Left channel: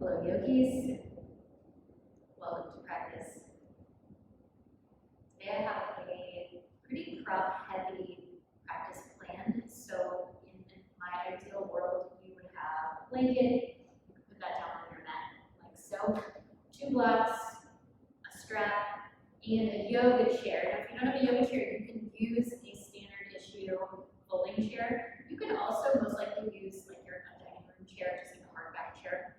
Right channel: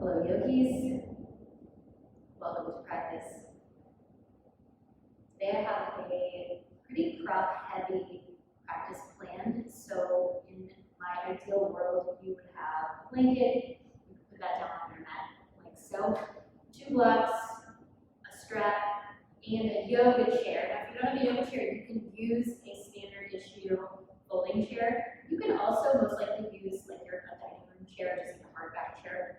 Hello yogis, welcome to practice. Today I have a pretty prop heavy practice planned. So in my ideal world, you would have a blanket, you can put that down on your mat like so, 2 blocks, a strap, and a yoga chair. Now if you don't have a yoga chair, you can use a standard issue folding chair. You can also most likely use like a dining room chair, just like a hardback chair.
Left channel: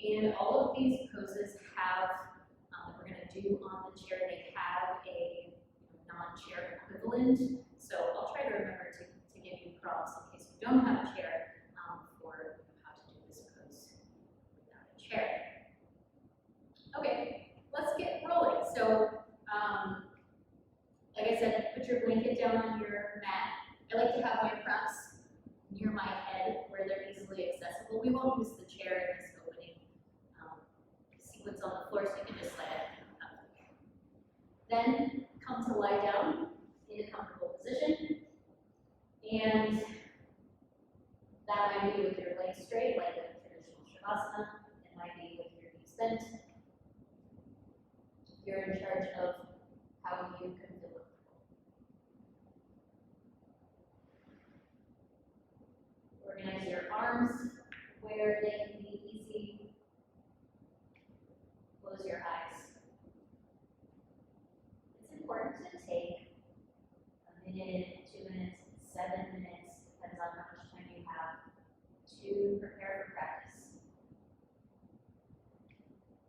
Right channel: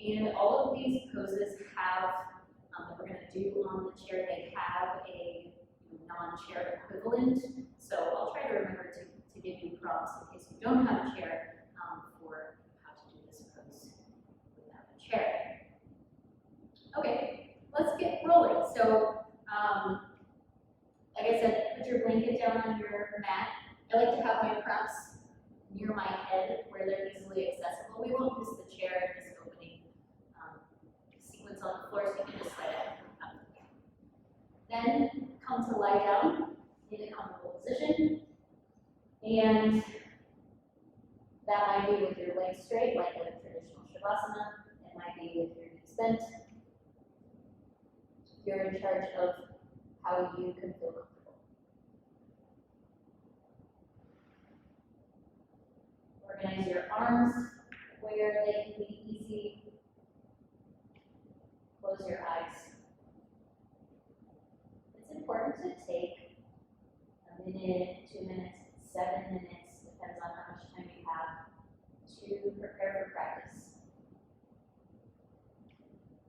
And all of these poses have, that we're going to do on the chair, they have a non-chair equivalent. So I'll try to remember to give you prompts in case you don't have a chair for how to do this pose without a chair. Okay, let's get rolling. So, like I said, put your blanket down on your mat. I like to have my props near my head where they're easily accessible. We won't use the chair in this opening sequence on the floor, so you can just slide it up. Then come to lie down in a comfortable position, and that might be with your legs straight, like a traditional shavasana. It might be with your knees bent. You're in charge of how you can feel comfortable. Organize your arms where they can be easy. Close your eyes. It's important to take a minute, 2 minutes, 7 minutes, depends on how much time you have, to prepare for practice.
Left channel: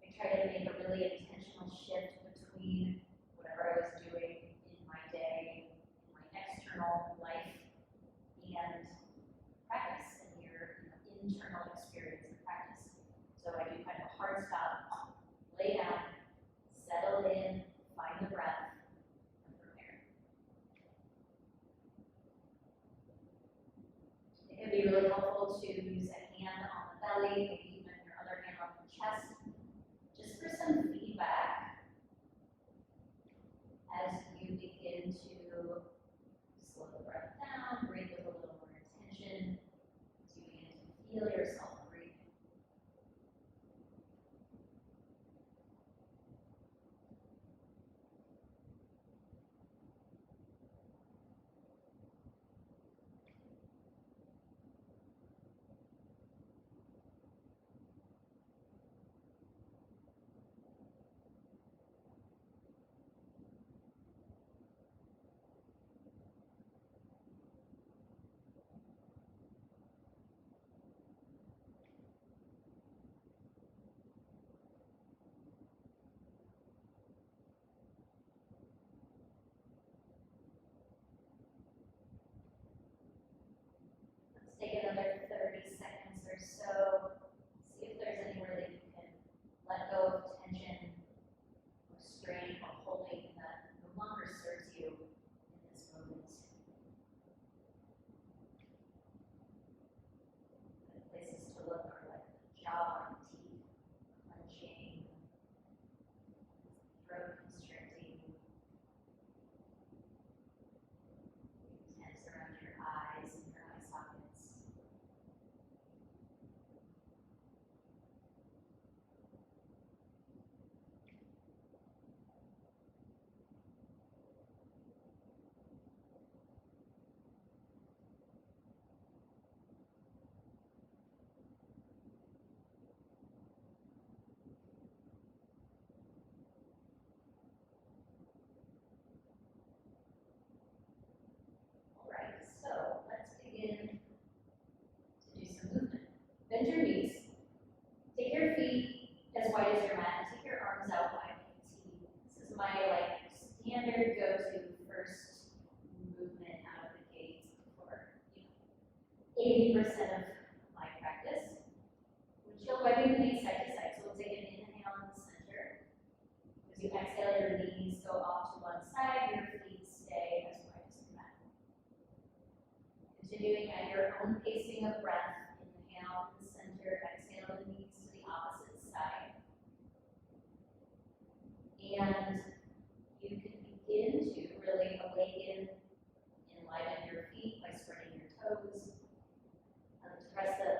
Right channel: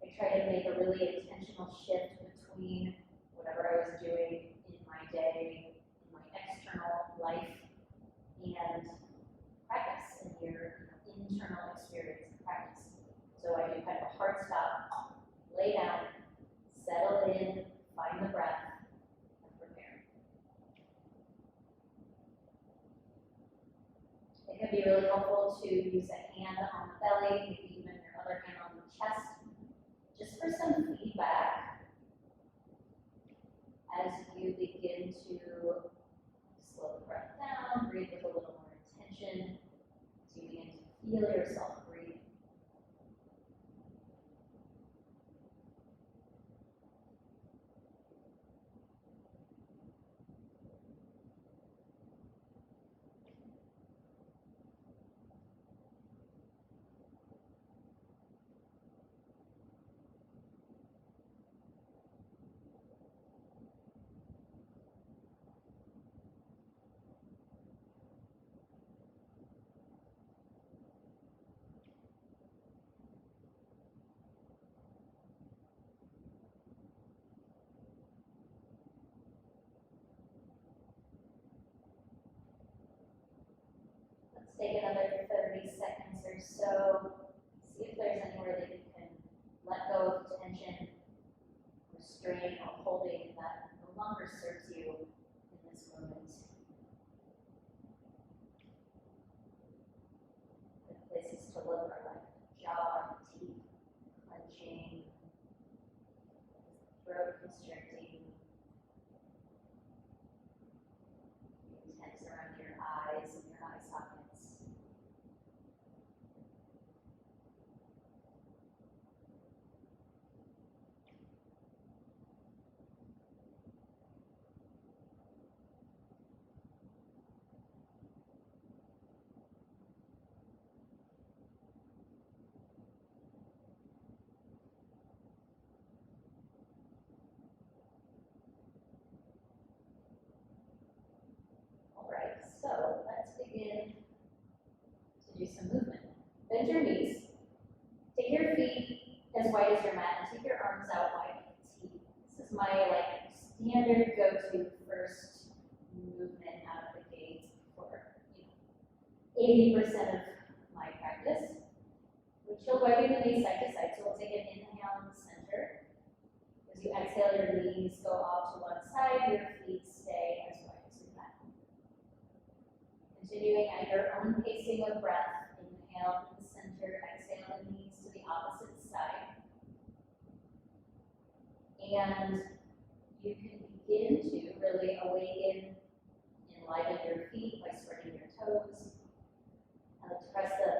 I try to make a really intentional shift between whatever I was doing in my day, in my external life, and practice and your internal experience and practice. So I do kind of a hard stop, lay down, settle in, find the breath, and prepare. It can be really helpful to use a hand on the belly, maybe even your other hand on the chest, just for some feedback as you begin to slow the breath down, breathe with a little more intention, as you begin to feel yourself breathing. Take another 30 seconds or so. See if there's anywhere that you can let go of tension, restraint, or holding that no longer serves you in this moment. Good places to look are like the jaw, teeth, clenching, throat constricting, tense around your eyes and your eye sockets. Alright, so let's begin to do some movement. Bend your knees, take your feet as wide as your mat, and take your arms out wide like a T. This is my standard go-to first movement out of the gate for 80% of my practice. Windshield wiping the knees side to side. So we'll take an inhale in the center. As you exhale, your knees go off to one side, your feet stay as wide as your mat. Continuing at your own pacing of breath, inhale in the center, exhale the knees to the opposite side. And you can begin to really awaken, enliven your feet by spreading your toes. Press the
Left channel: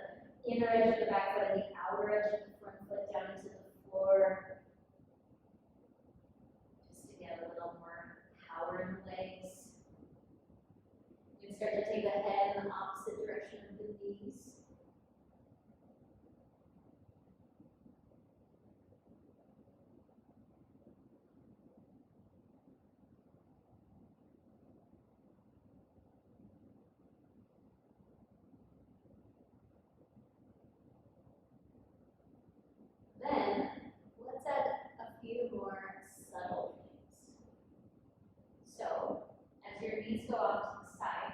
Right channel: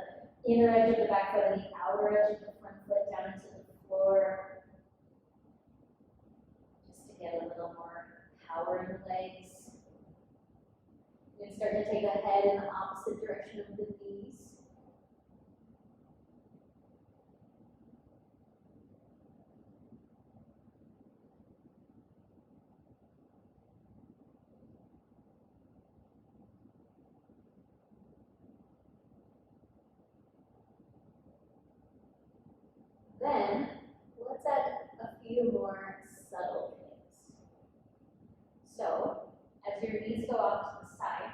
inner edge of the back foot and the outer outer edge of the front foot down into the floor, just to get a little more power in the legs. You can start to take the head in the opposite direction of the knees. Then, let's add a few more subtle things. So, as your knees go off to the side,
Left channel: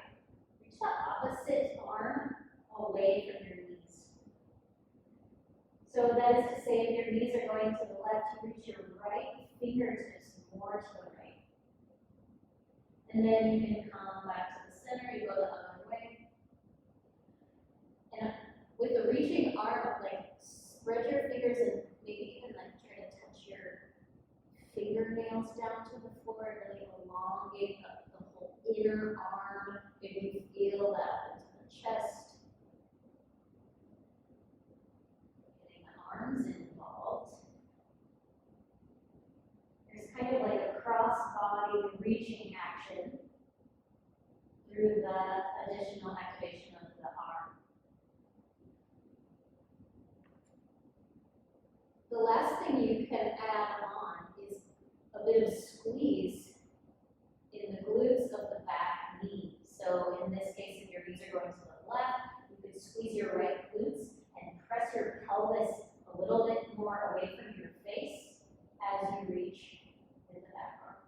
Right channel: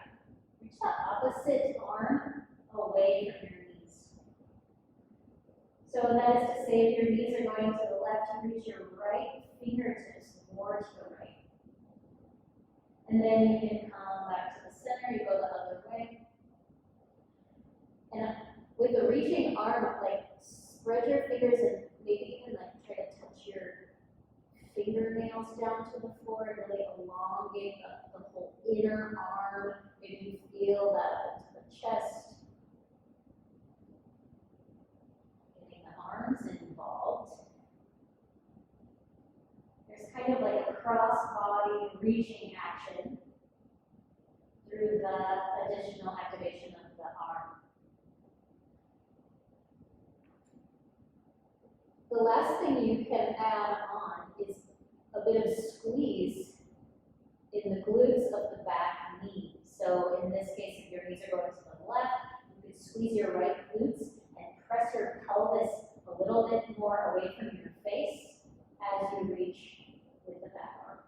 reach the opposite arm away from your knees. So that is to say, if your knees are going to the left, you reach your right fingertips more to the right. And then you can come back to the center, you go the other way. And with the reaching arm, like spread your fingers and maybe even like try to touch your fingernails down to the floor and really elongate the whole inner arm. Maybe you feel that up into the chest. Getting the arms involved. There's kind of like a cross-body reaching action through the additional activation of the arm. The last thing you can add on is a bit of squeeze in the glutes of the back knee. So in this case, if your knees are going to the left, you could squeeze your right glutes and press your pelvis a little bit more away from your face as you reach with the back arm.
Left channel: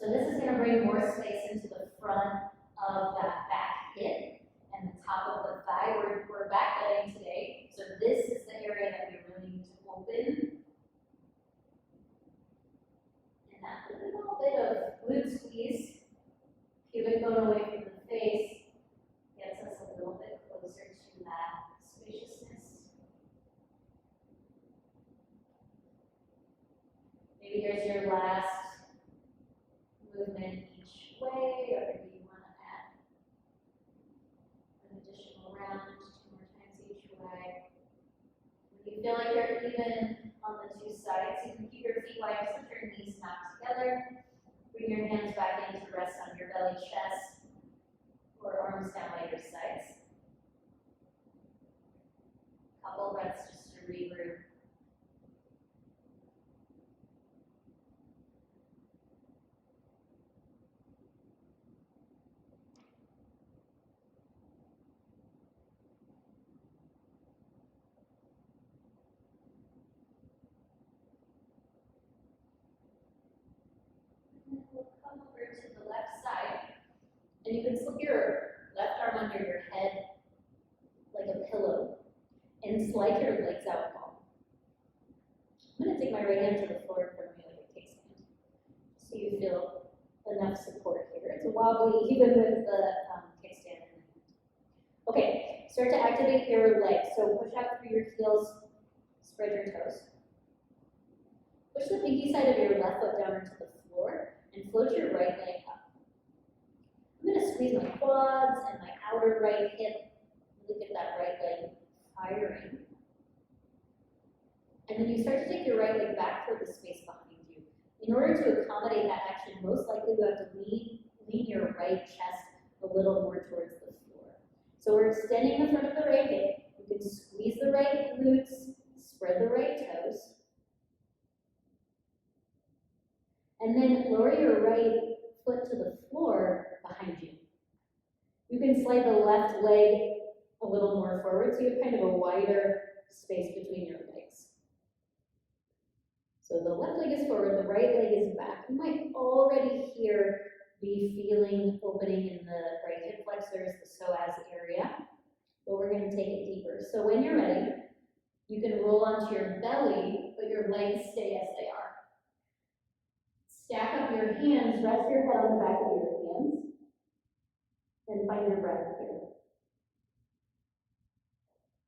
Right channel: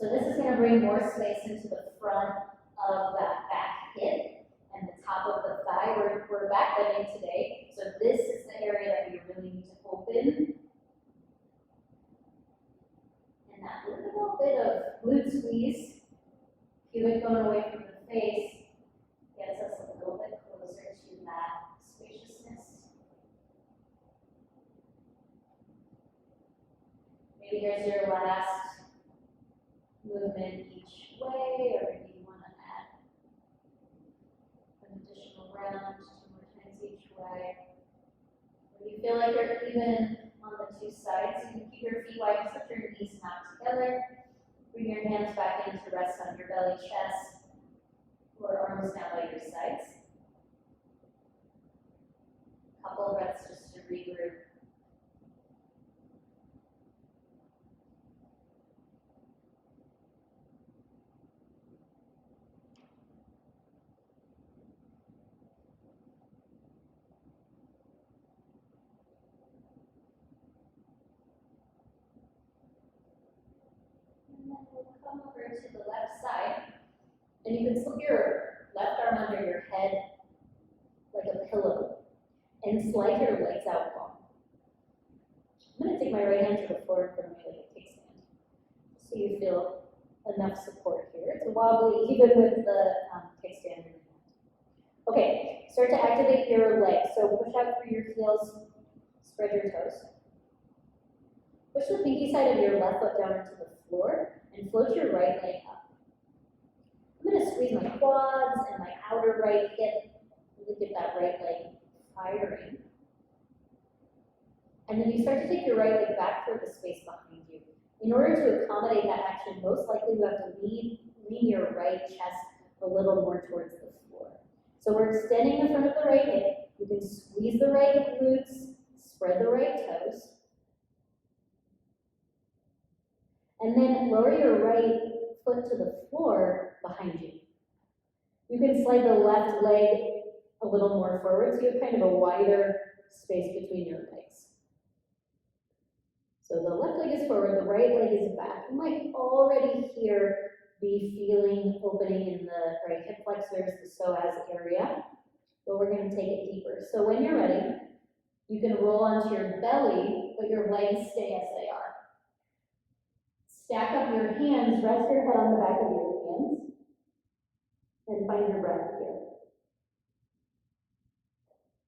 So this is going to bring more space into the front of that back hip and the top of the thigh. We're back bending today, so this is the area that we really need to open. And that little bit of glute squeeze, pubic bone away from the face, gets us a little bit closer to that spaciousness. Maybe here's your last movement each way, or maybe you want to add an additional round 2 more times each way. When you feel like you're even on the two sides, you can keep your feet wide, just let your knees knock together. Bring your hands back in to rest on your belly, chest, or arms down by your sides. Couple breaths just to regroup. And then we'll come over to the left side, and you can slip your left arm under your head like a pillow and slide your legs out long. I'm going to take my right hand to the floor in front of me like a kickstand, so you feel enough support here. It's wobbly even with the kickstand in the hand. Okay, start to activate your legs. So push out through your heels, spread your toes. Push the pinky side of your left foot down into the floor and float your right leg up. I'm going to squeeze my quads and my outer right hip. Really get that right leg firing. And then you start to take your right leg back toward the space behind you. In order to accommodate that action, most likely you have to lean your right chest a little more towards the floor. So we're extending the front of the right hip. You can squeeze the right glutes, spread the right toes. And then lower your right foot to the floor behind you. You can slide the left leg a little more forward, so you have kind of a wider space between your legs. So the left leg is forward, the right leg is back. You might already be feeling opening in the right hip flexors, the psoas area, but we're going to take it deeper. So when you're ready, you can roll onto your belly, but your legs stay as they are. Stack up your hands, rest your head on the back of your hands, and find your breath here.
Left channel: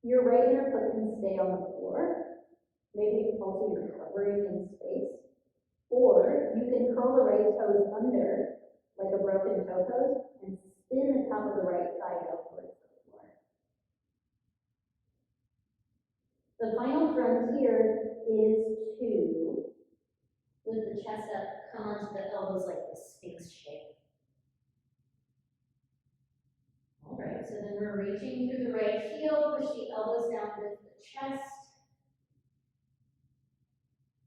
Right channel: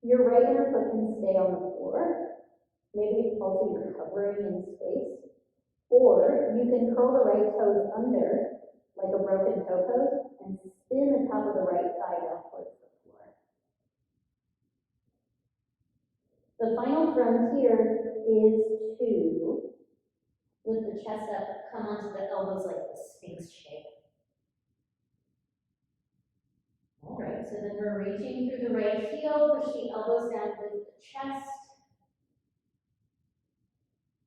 Your right inner foot can stay on the floor. Maybe also you're hovering in space. Or you can curl the right toes under, like a broken toe pose, and spin the top of the right thigh down towards the floor. The final frontier is to, with the chest up, come onto the elbows like the Sphinx shape. All right, so then we're reaching through the right heel, push the elbows down with the chest.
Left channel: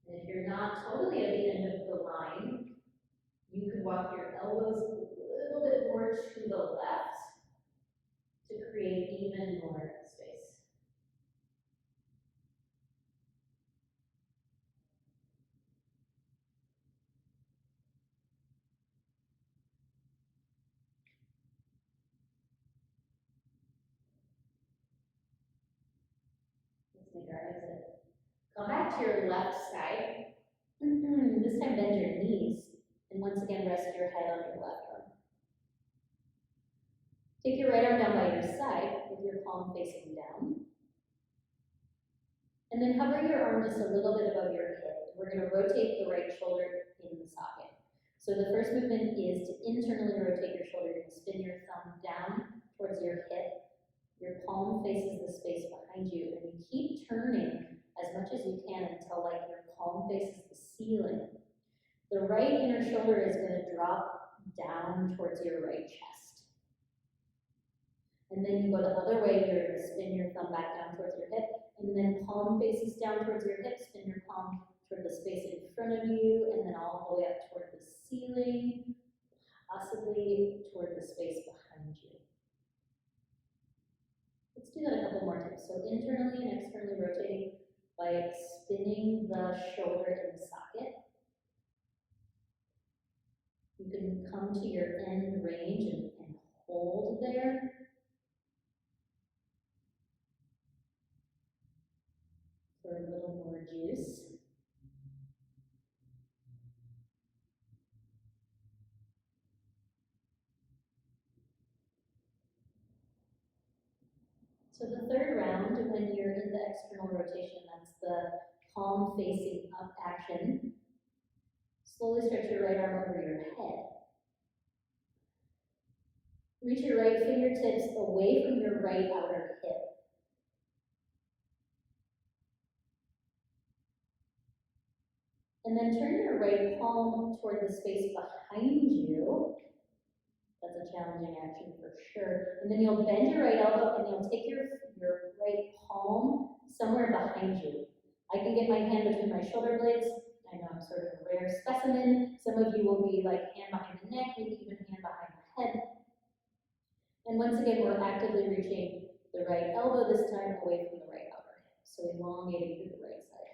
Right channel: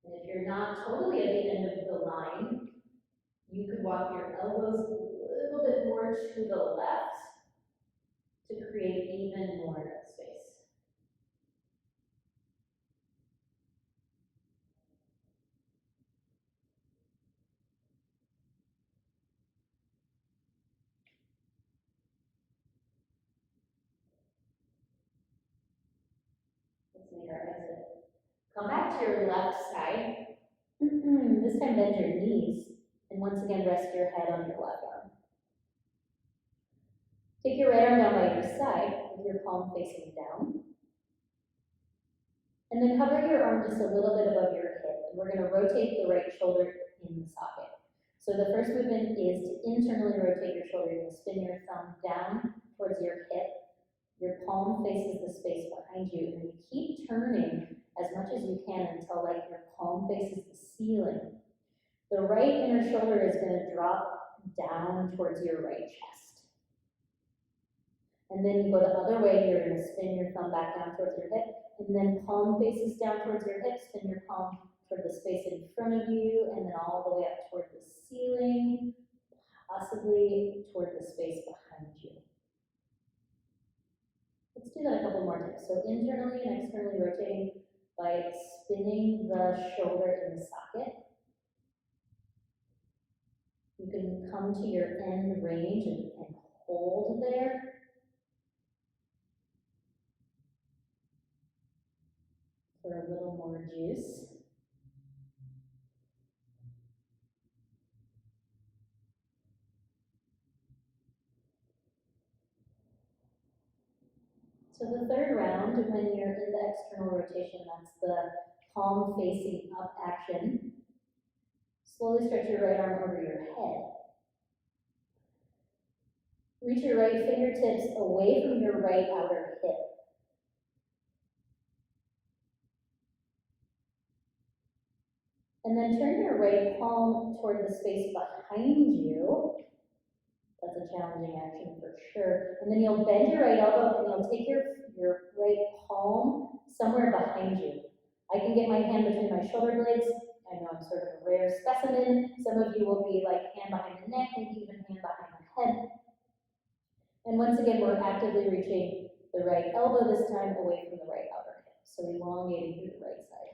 And if you're not totally at the end of the line, you could walk your elbows a little bit more to the left to create even more space. Let's make our exit. Come back to your left side. This time bend your knees, and once again rest your head on your left arm. Take your right arm down by your side with your palm facing down. And then hover your arm just a little bit above your hip. And we're going to rotate the right shoulder in the socket. So the first movement is to internally rotate your shoulder. You're going to spin your thumb down towards your hip. Your palm faces the space behind you. And you keep turning as much as you can until like your palm faces the ceiling. The right inner shoulder is going to drop down towards your right chest. And then you go the other way, you're going to spin your thumb back down towards your hip, and then palm faces down towards your hip, spin your palm toward the space in front of you, and then all the way up toward the ceiling, possibly toward the space behind you. Let's do that a couple more times. So internally and externally rotating by spinning the shoulder in the socket. You can come to your end range and hold there. For a little more juice. So the third round, when you're in the external rotation, that's the palm facing up action. Slowly stretch your right arm over your head. Reach your right fingertips away from your right outer hip. And then turn your right palm toward the space behind you. That's a challenging action for sure. And then you'll bend your right elbow and you'll take your right palm somewhere behind you. I can get my hand between my shoulder blades. I know I'm sort of a rare specimen. Some of you will be like hand behind the neck, maybe even hand behind the head. And once again, we're actively reaching the right elbow this time away from the right outer hip. So elongating through the right side.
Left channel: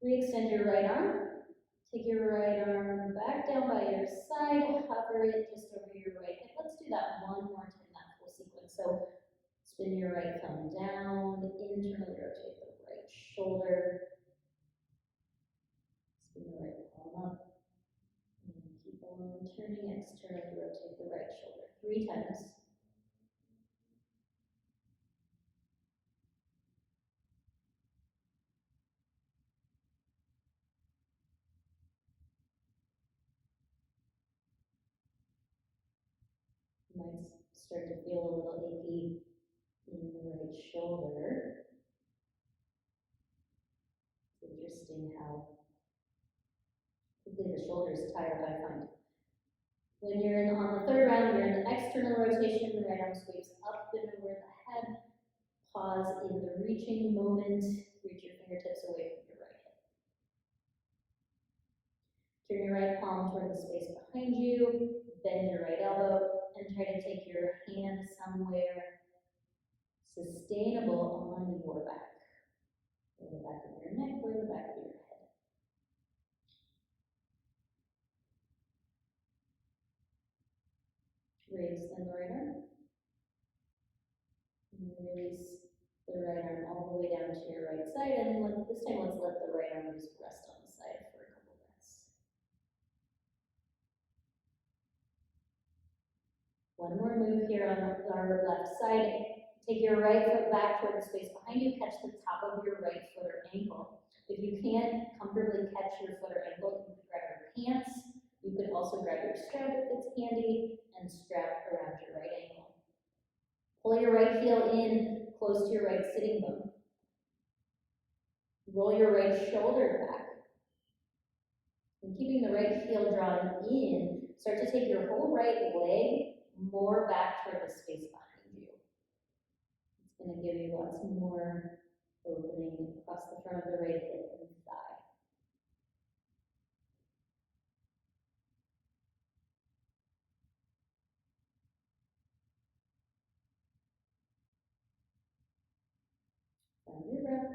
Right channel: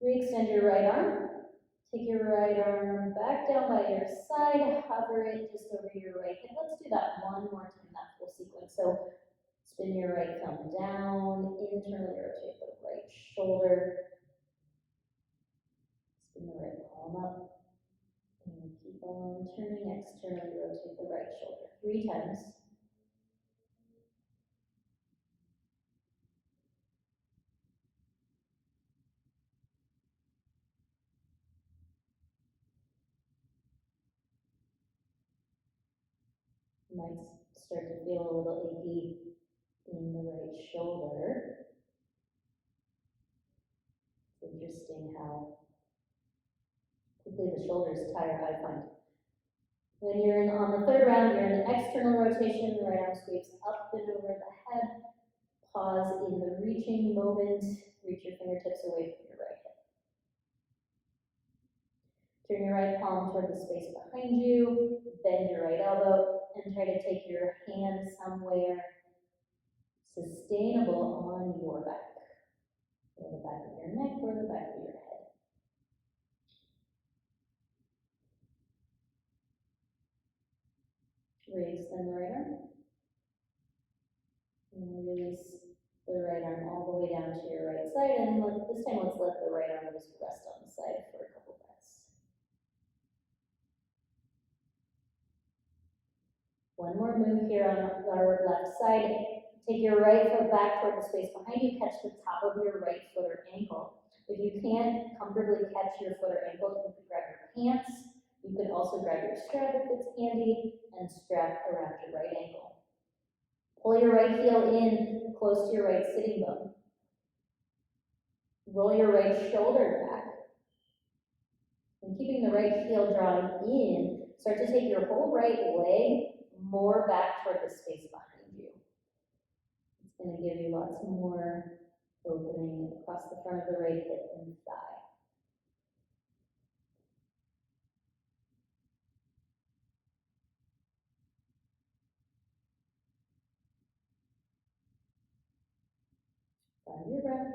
Re-extend your right arm. Take your right arm back down by your side, hover it just over your right hip. Let's do that one more time, that full sequence. So spin your right thumb down, internally rotate the right shoulder, spin the right palm up, and keep on turning, externally rotate the right shoulder 3 times. You might start to feel a little achy in the right shoulder. It's interesting how quickly the shoulders tire, I find. When you're on the third round, you're in the external rotation, the right arm sweeps up and over the head. Pause in the reaching moment, reach your fingertips away from your right hip. Turn your right palm toward the space behind you, bend your right elbow, and try to take your hand somewhere sustainable on your back. Or the back of your neck, or the back of your head. Re-extend the right arm. And release the right arm all the way down to your right side. And this time, let's let the right arm just rest on the side for a couple breaths. One more move here on our left side. Take your right foot back toward the space behind you. Catch the top of your right foot or ankle. If you can't comfortably catch your foot or ankle, you could grab your pants. You could also grab your strap if it's handy and strap around your right ankle. Pull your right heel in close to your right sitting bone. Roll your right shoulder back. And keeping the right heel drawn in, start to take your whole right leg more back toward the space behind you. It's going to give you lots more opening across the front of the right hip and thigh. Find your breath.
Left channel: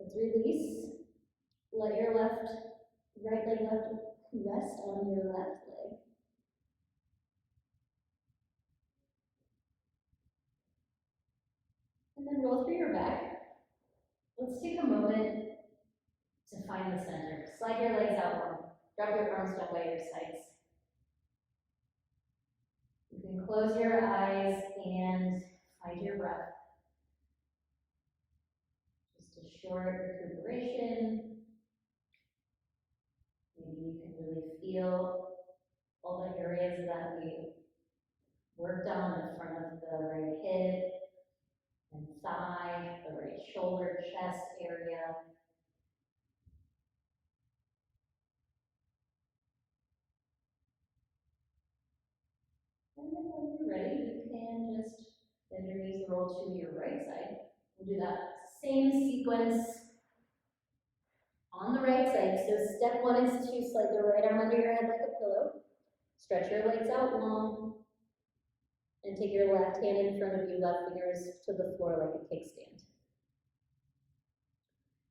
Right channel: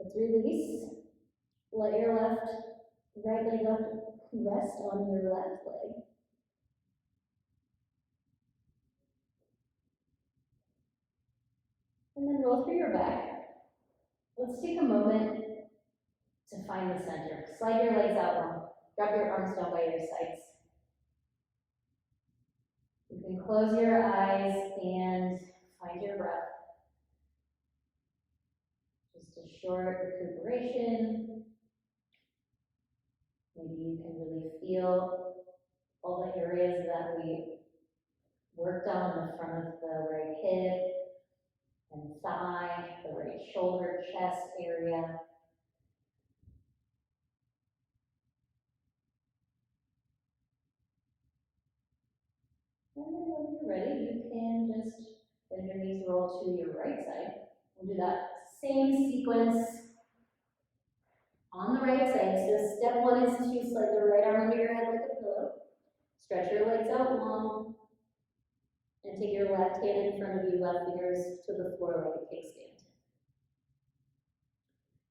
Let's release. Let your right leg rest on your left leg. And then roll through your back. Let's take a moment to find the center. Slide your legs out long. Drop your arms down by your sides. You can close your eyes and find your breath. Just a short recuperation. Maybe you can really feel all the areas that we worked on the front of the right hip and thigh, the right shoulder, chest area. And then when you're ready, you can just bend your knees, roll to your right side. We'll do that same sequence on the right side. So step one is to slide the right arm under your head like a pillow. Stretch your legs out long. And take your left hand in front of you, left fingers to the floor like a kickstand.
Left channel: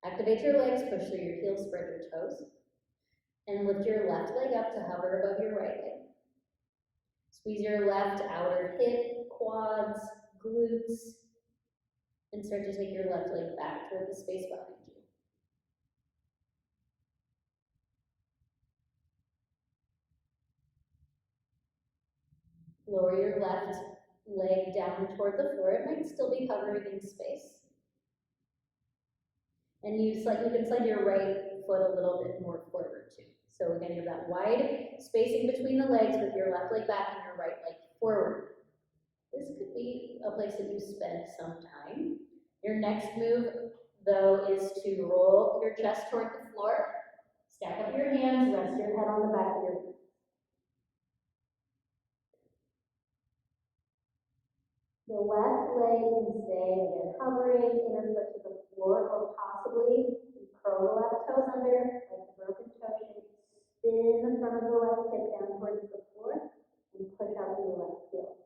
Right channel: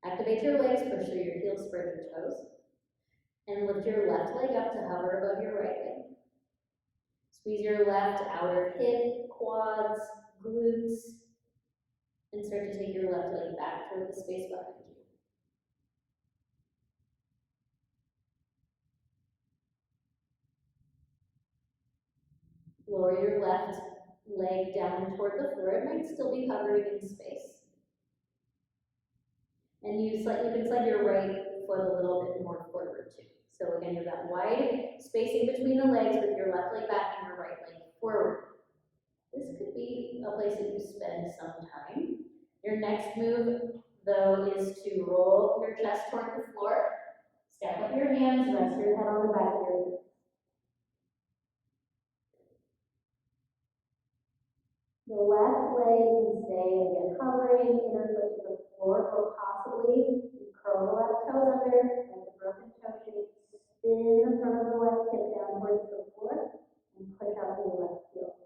Activate your legs, push through your heels, spread your toes. And lift your left leg up to hover above your right leg. Squeeze your left outer hip, quads, glutes, and start to take your left leg back toward the space behind you. Lower your left leg down toward the floor. It might still be hovering in space. And you can slide your right foot a little bit more forward too. So again, you have that wide spacing between the legs with your left leg back and your right leg forward. This could be a place that you spend some time. Your next move, though, is to roll your chest toward the floor. Stack up your hands, rest your head on the back of your feet. The left leg can stay, again, hovering, inner foot to the floor, or possibly you curl the left toes under, like the broken toe shape. Spin the front of the left hip down towards the floor, and push out to the left heel.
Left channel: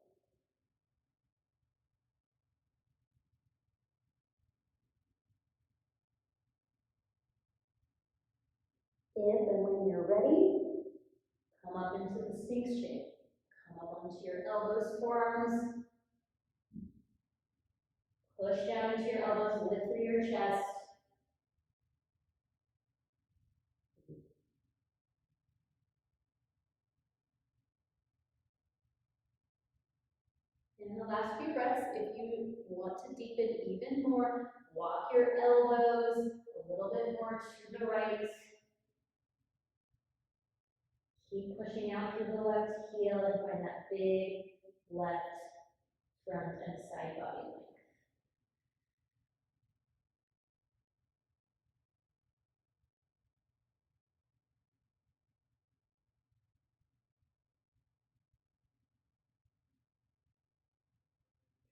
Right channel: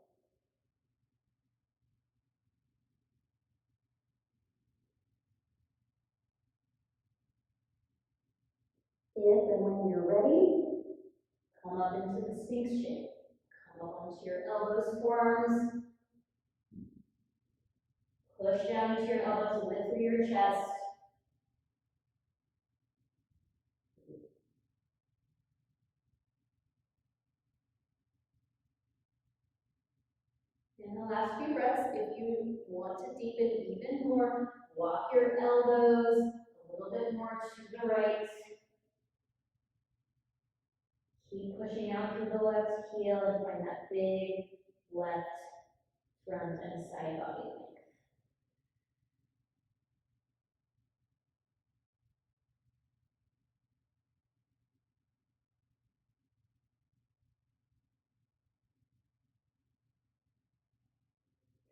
If and when you're ready, come up into the Sphinx shape. Come up onto your elbows, forearms. Push down into your elbows, lift through your chest. In the last few breaths, if you want to deepen even more, walk your elbows a little bit more to the right. Keep pushing out through the left heel and find that big left front and side body length.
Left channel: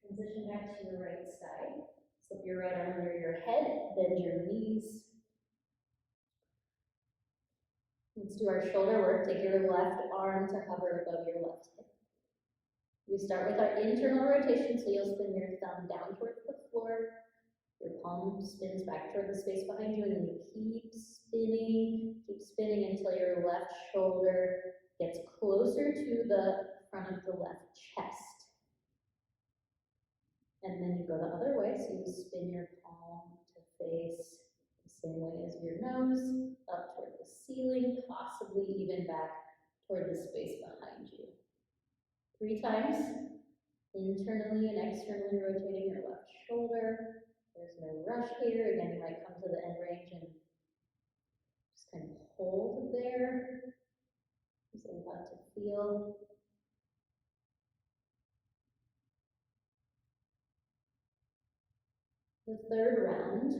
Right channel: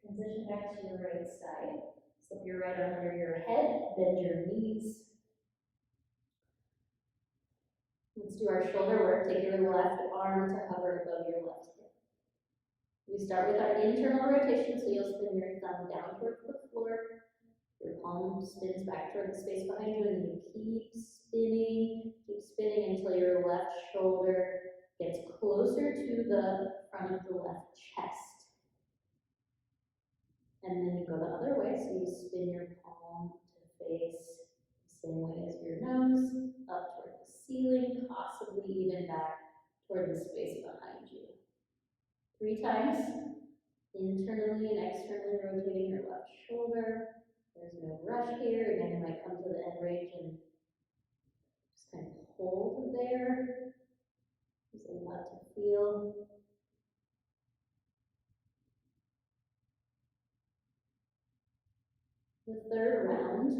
Transition back to your right side. Slip your right arm under your head, bend your knees. Let's do our shoulder work. Take your left arm to hover above your left hip. We start with our internal rotation, so you'll spin your thumb down towards the floor. Your palm spins back toward the space behind you, and then you keep spinning until your left shoulder gets closer to the front of the left chest. And then you go the other way, so you spin your palm to face the same way as your nose, up toward the ceiling, possibly even back toward the space behind you. 3 times, internally and externally rotating your left shoulder. There's no rush here. Again, you might come to the end range and just kind of hold there. feel. The third round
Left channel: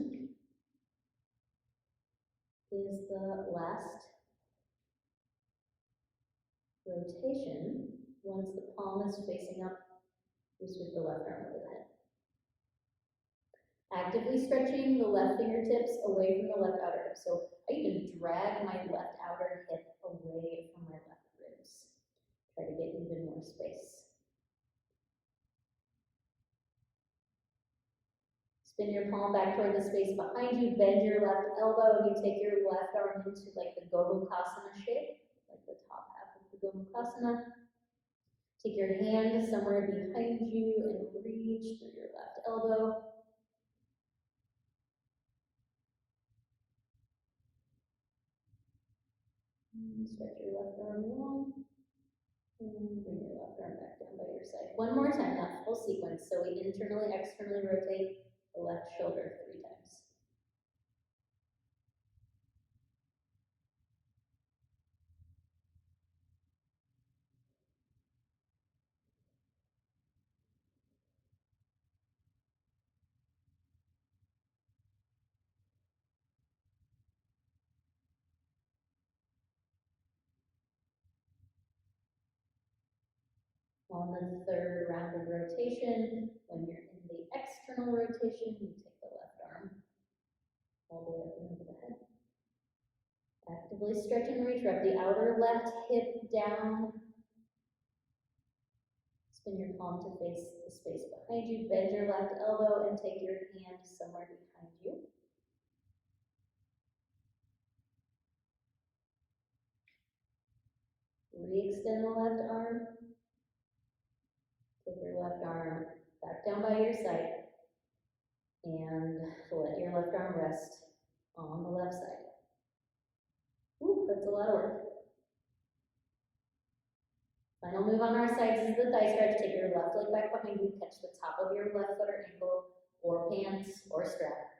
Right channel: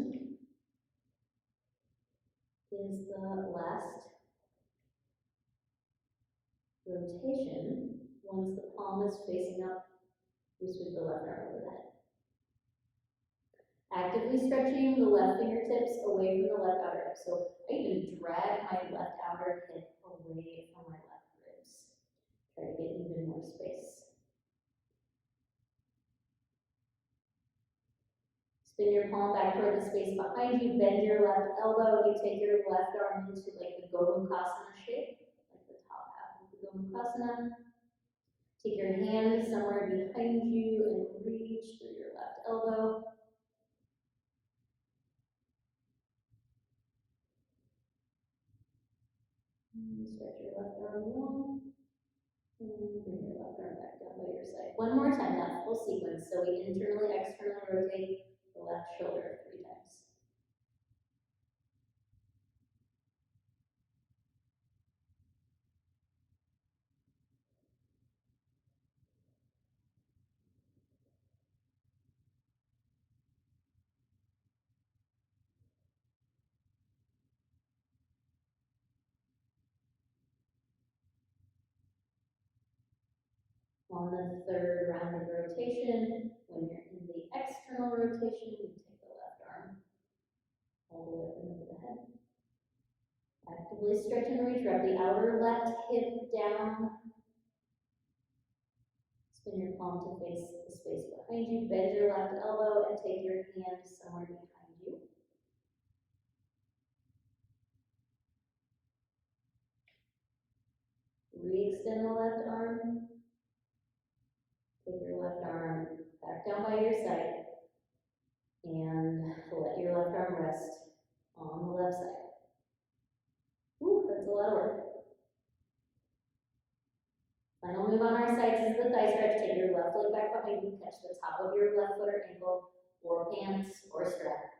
is the last rotation. Once the palm is facing up, we sweep the left arm over the head. Actively stretching the left fingertips away from the left outer hip. So I even drag my left outer hip away from my left ribs. Try to get even more space. Spin your palm back toward the space behind you, bend your left elbow, and you take your left arm into like the Gomukasana shape, like the top half of the Gomukasana. Take your hand somewhere behind you and reach through your left elbow. And stretch your left arm long. And bring your left arm back down by your side. One more time, that full sequence. So we internally, externally rotate the left shoulder 3 times. On the third round of rotation, when you're in the external rotation, you take the left arm all the way up and over the head. Actively stretch and reach, wrap the outer left hip down. Spin your palm to face the space behind you, bend your left elbow and take your hand somewhere behind you. Re-extend the left arm. Take your left arm back down by your side and let your left arm rest on the left side. Woo, that's a lot of work. Final move on our sides is the thigh stretch. Take your left leg back behind you, catch the top of your left foot or ankle or pants or strap.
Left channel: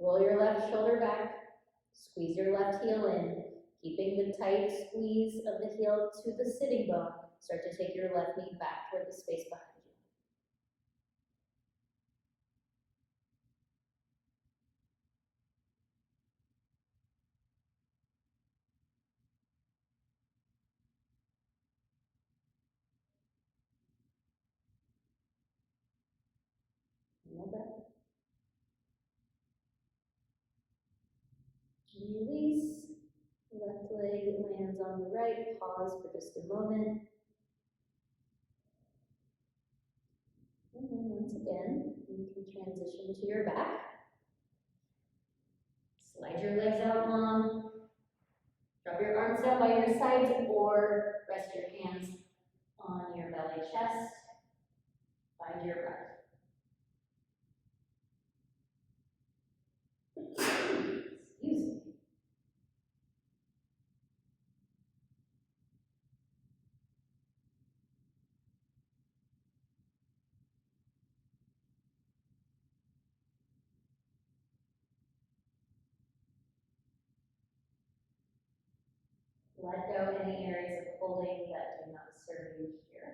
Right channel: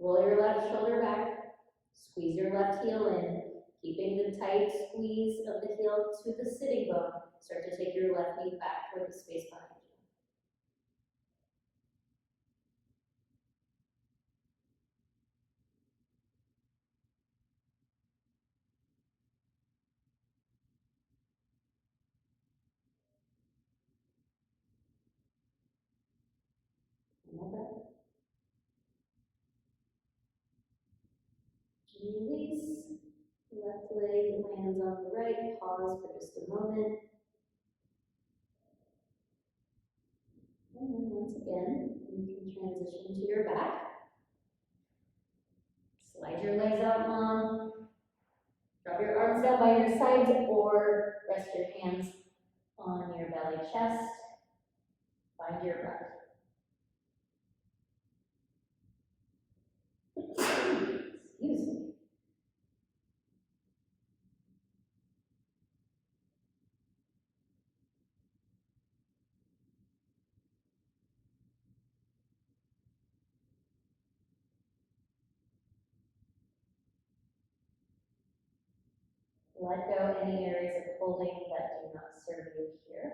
Roll your left shoulder back, squeeze your left heel in, keeping the tight squeeze of the heel to the sitting bone. Start to take your left knee back toward the space behind you. Final breath. Release. Left leg lands on the right. Pause for just a moment. And then once again, you can transition to your back. Slide your legs out long. Drop your arms down by your sides or rest your hands on your belly chest. Find your breath. Excuse me. Let go any areas of holding that do not serve you here.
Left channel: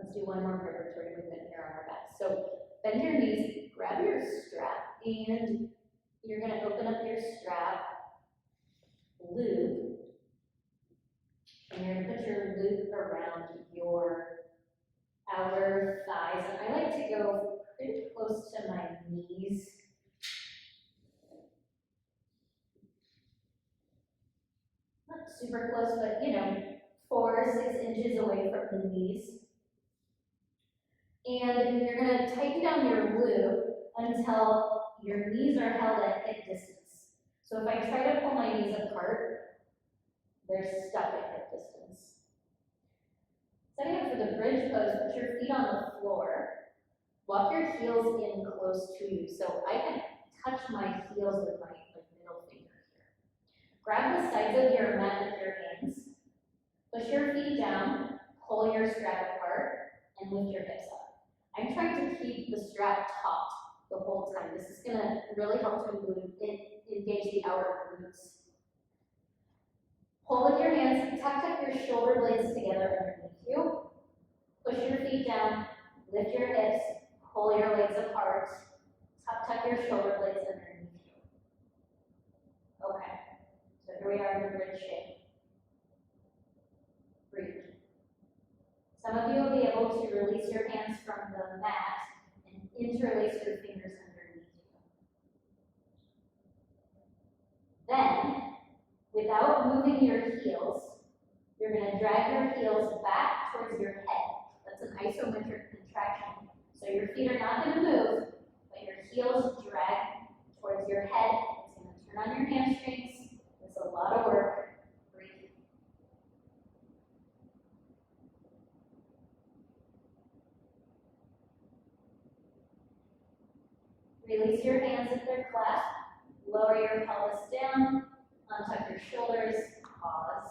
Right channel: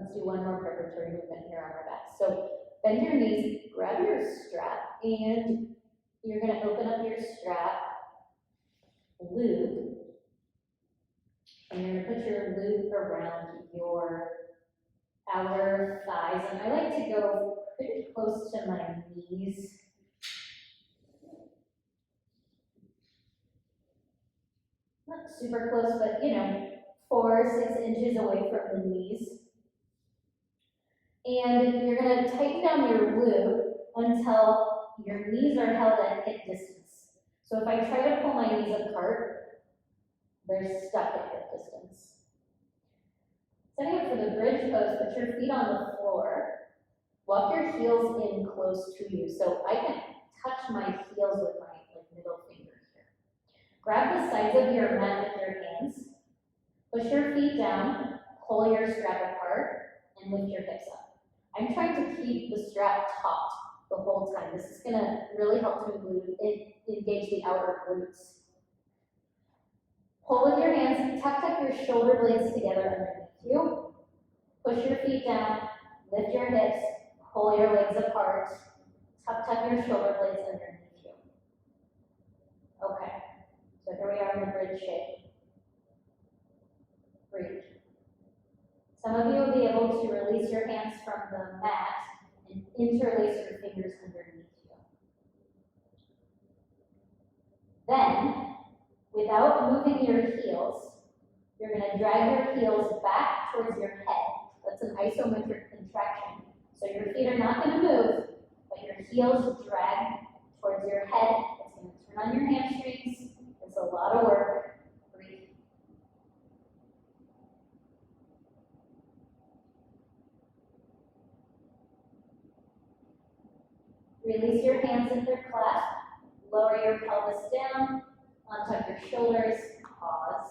Let's do one more preparatory movement here on our back. So bend your knees, grab your strap, and you're going to open up your strap loop, and you're going to put your loop around your outer thighs. And I like to go pretty close to my knees. Not super close, but 4 or 6 inches away from the knees. And you're going to tighten down your loop until your knees are held at hip distance. So if I try to pull my knees apart, they're stuck at hip distance. Setting up for the bridge pose, put your feet on the floor. Walk your heels in close to you. So I can touch my heels with my middle finger here. Grab the sides of your mat with your hands. Push your feet down, pull your strap apart, and lift your hips up. I'm trying to keep the strap taut the whole time. This is gonna really help to engage the outer glutes. Pull with your hands, tuck your shoulder blades together underneath you. Push your feet down, lift your hips, pull your legs apart, tuck your shoulder blades underneath you. Okay, so here we are in the bridge shape. Breathe. Some of you will be able to release your hands from the mat and interlace your fingers underneath you. Then, without moving your heels, you're going to drag your heels back towards your head. That's an isometric contraction. So your feet are not going to move, but your heels drag towards your head. It's going to turn on your hamstrings. It's a lot of work. Breathe. Release your hands if they're clasped. Lower your pelvis down. Untuck your shoulders. Pause.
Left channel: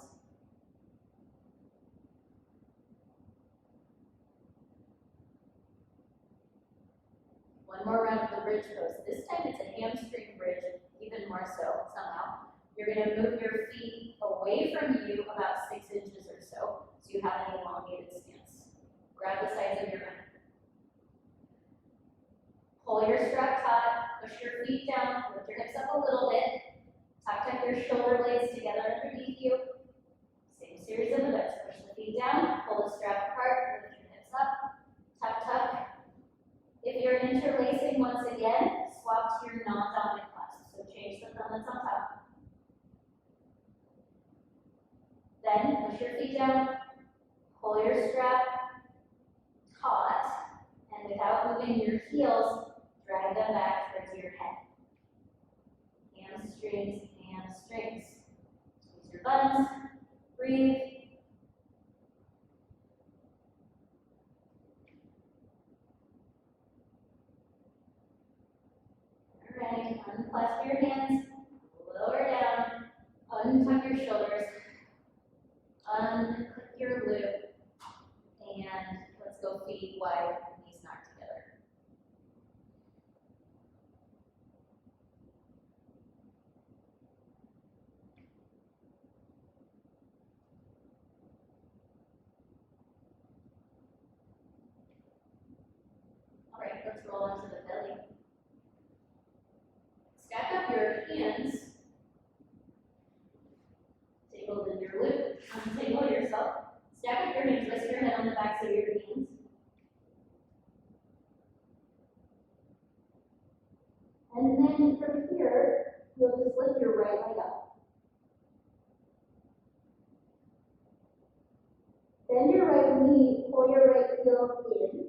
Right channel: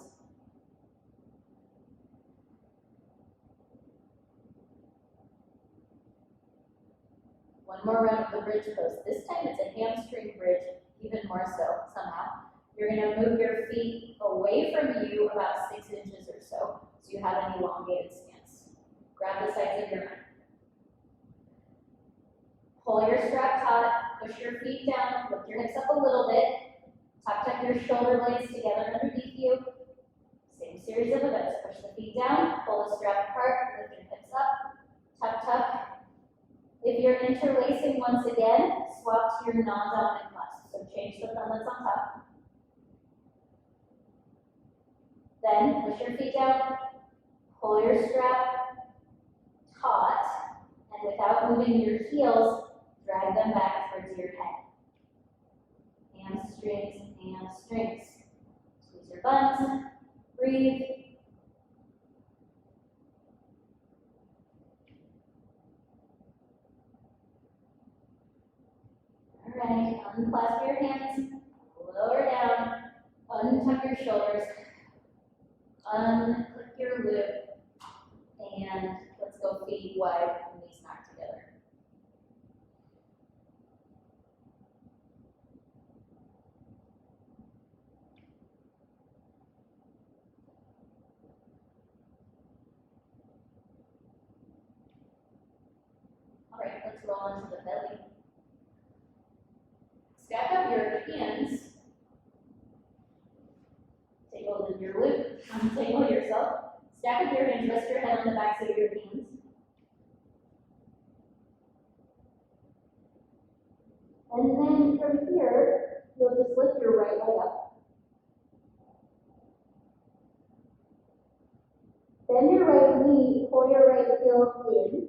One more round of the bridge pose. This time it's a hamstring bridge, even more so somehow. You're going to move your feet away from you about 6 inches or so you have an elongated stance. Grab the sides of your mat. Pull your strap taut, push your feet down, lift your hips up a little bit, tuck your shoulder blades together underneath you. Same series of events. Push the feet down, pull the strap apart, lift your hips up, tuck. If you're interlacing once again, swap to your non-dominant clasp. So change the thumb that's on top. Then push your feet down, pull your strap taut, and without moving your heels, drag them back towards your head. Hamstrings, hamstrings. Squeeze your buns, breathe. All right, unclasp your hands, lower down, untuck your shoulders, unclick your loop, and let's go feet wide and knees knocked together. All right, let's roll into the belly. Stack up your hands. Take hold of your loop, untangle yourself. Stack up your hands, rest your head on the backs of your hands. And then from here, you'll just lift your right leg up. Bend your right knee, pull your right heel in.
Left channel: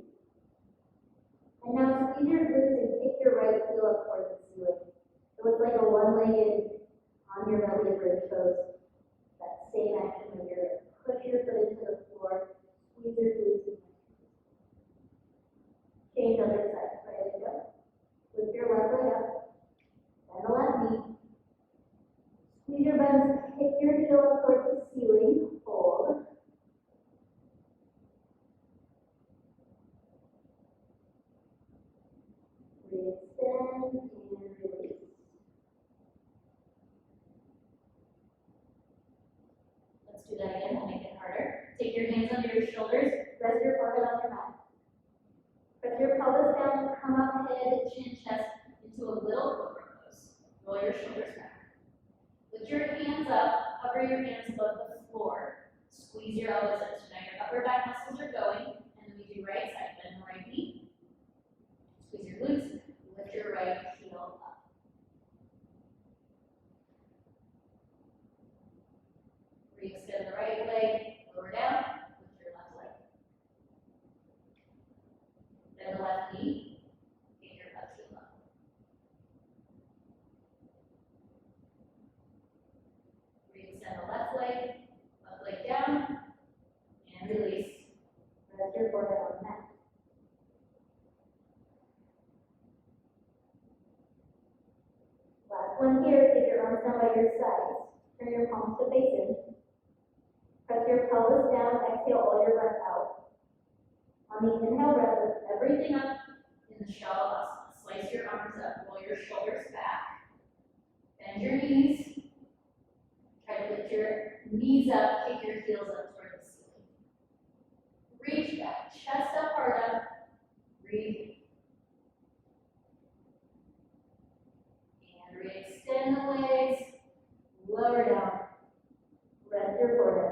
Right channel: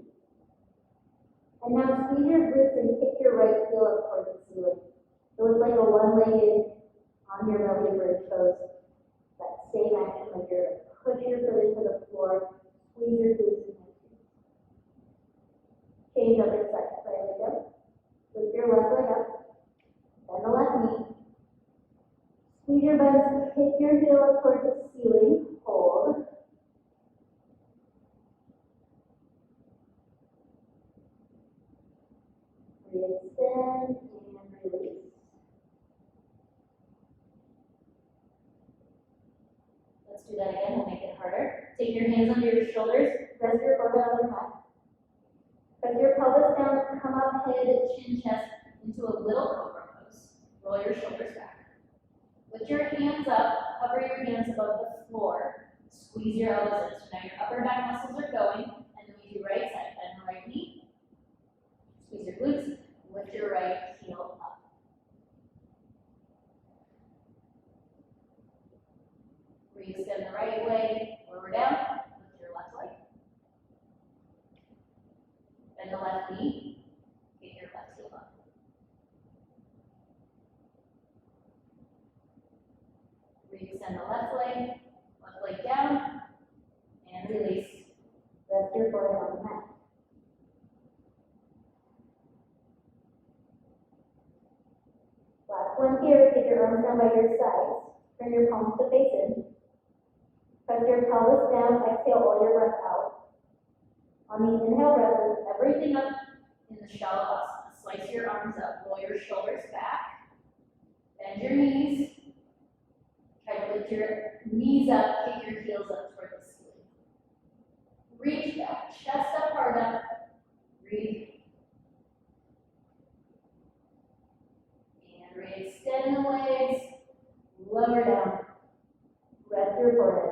And now squeeze your glutes and kick your right heel up towards the ceiling. So it's like a one-legged on your belly bridge pose. That same action when you're like push your foot into the floor, squeeze your glutes in. Change other side. Right leg up. Lift your left leg up. Bend the left knee. Squeeze your buns, kick your heel up towards the ceiling. Hold. Extend and release. Let's do that again. We'll make it harder. Take your hands under your shoulders. Rest your forehead on your mat. Press your pelvis down. Come up, head, chin, chest into a little cobra pose. Roll your shoulders back. Lift your hands up. Hover your hands above the floor. Squeeze your elbows in. So now your upper back muscles are going. And then we do right side. Bend the right knee. Squeeze your glutes. Lift your right heel up. Re-extend the right leg, lower down, lift your left leg. Bend the left knee, kick your left heel up. Re-extend the left leg down, and release. palms to face in. Press your pelvis down, exhale all your breath out. On the inhale breath, lift everything up in the Shavasana. Slice your arms up, roll your shoulders back, bend your knees. Try to lift your knees up, kick your heels up toward the ceiling. Reach back, chest up, heart up, breathe. And re-extend the legs, lower down, rest your forehead.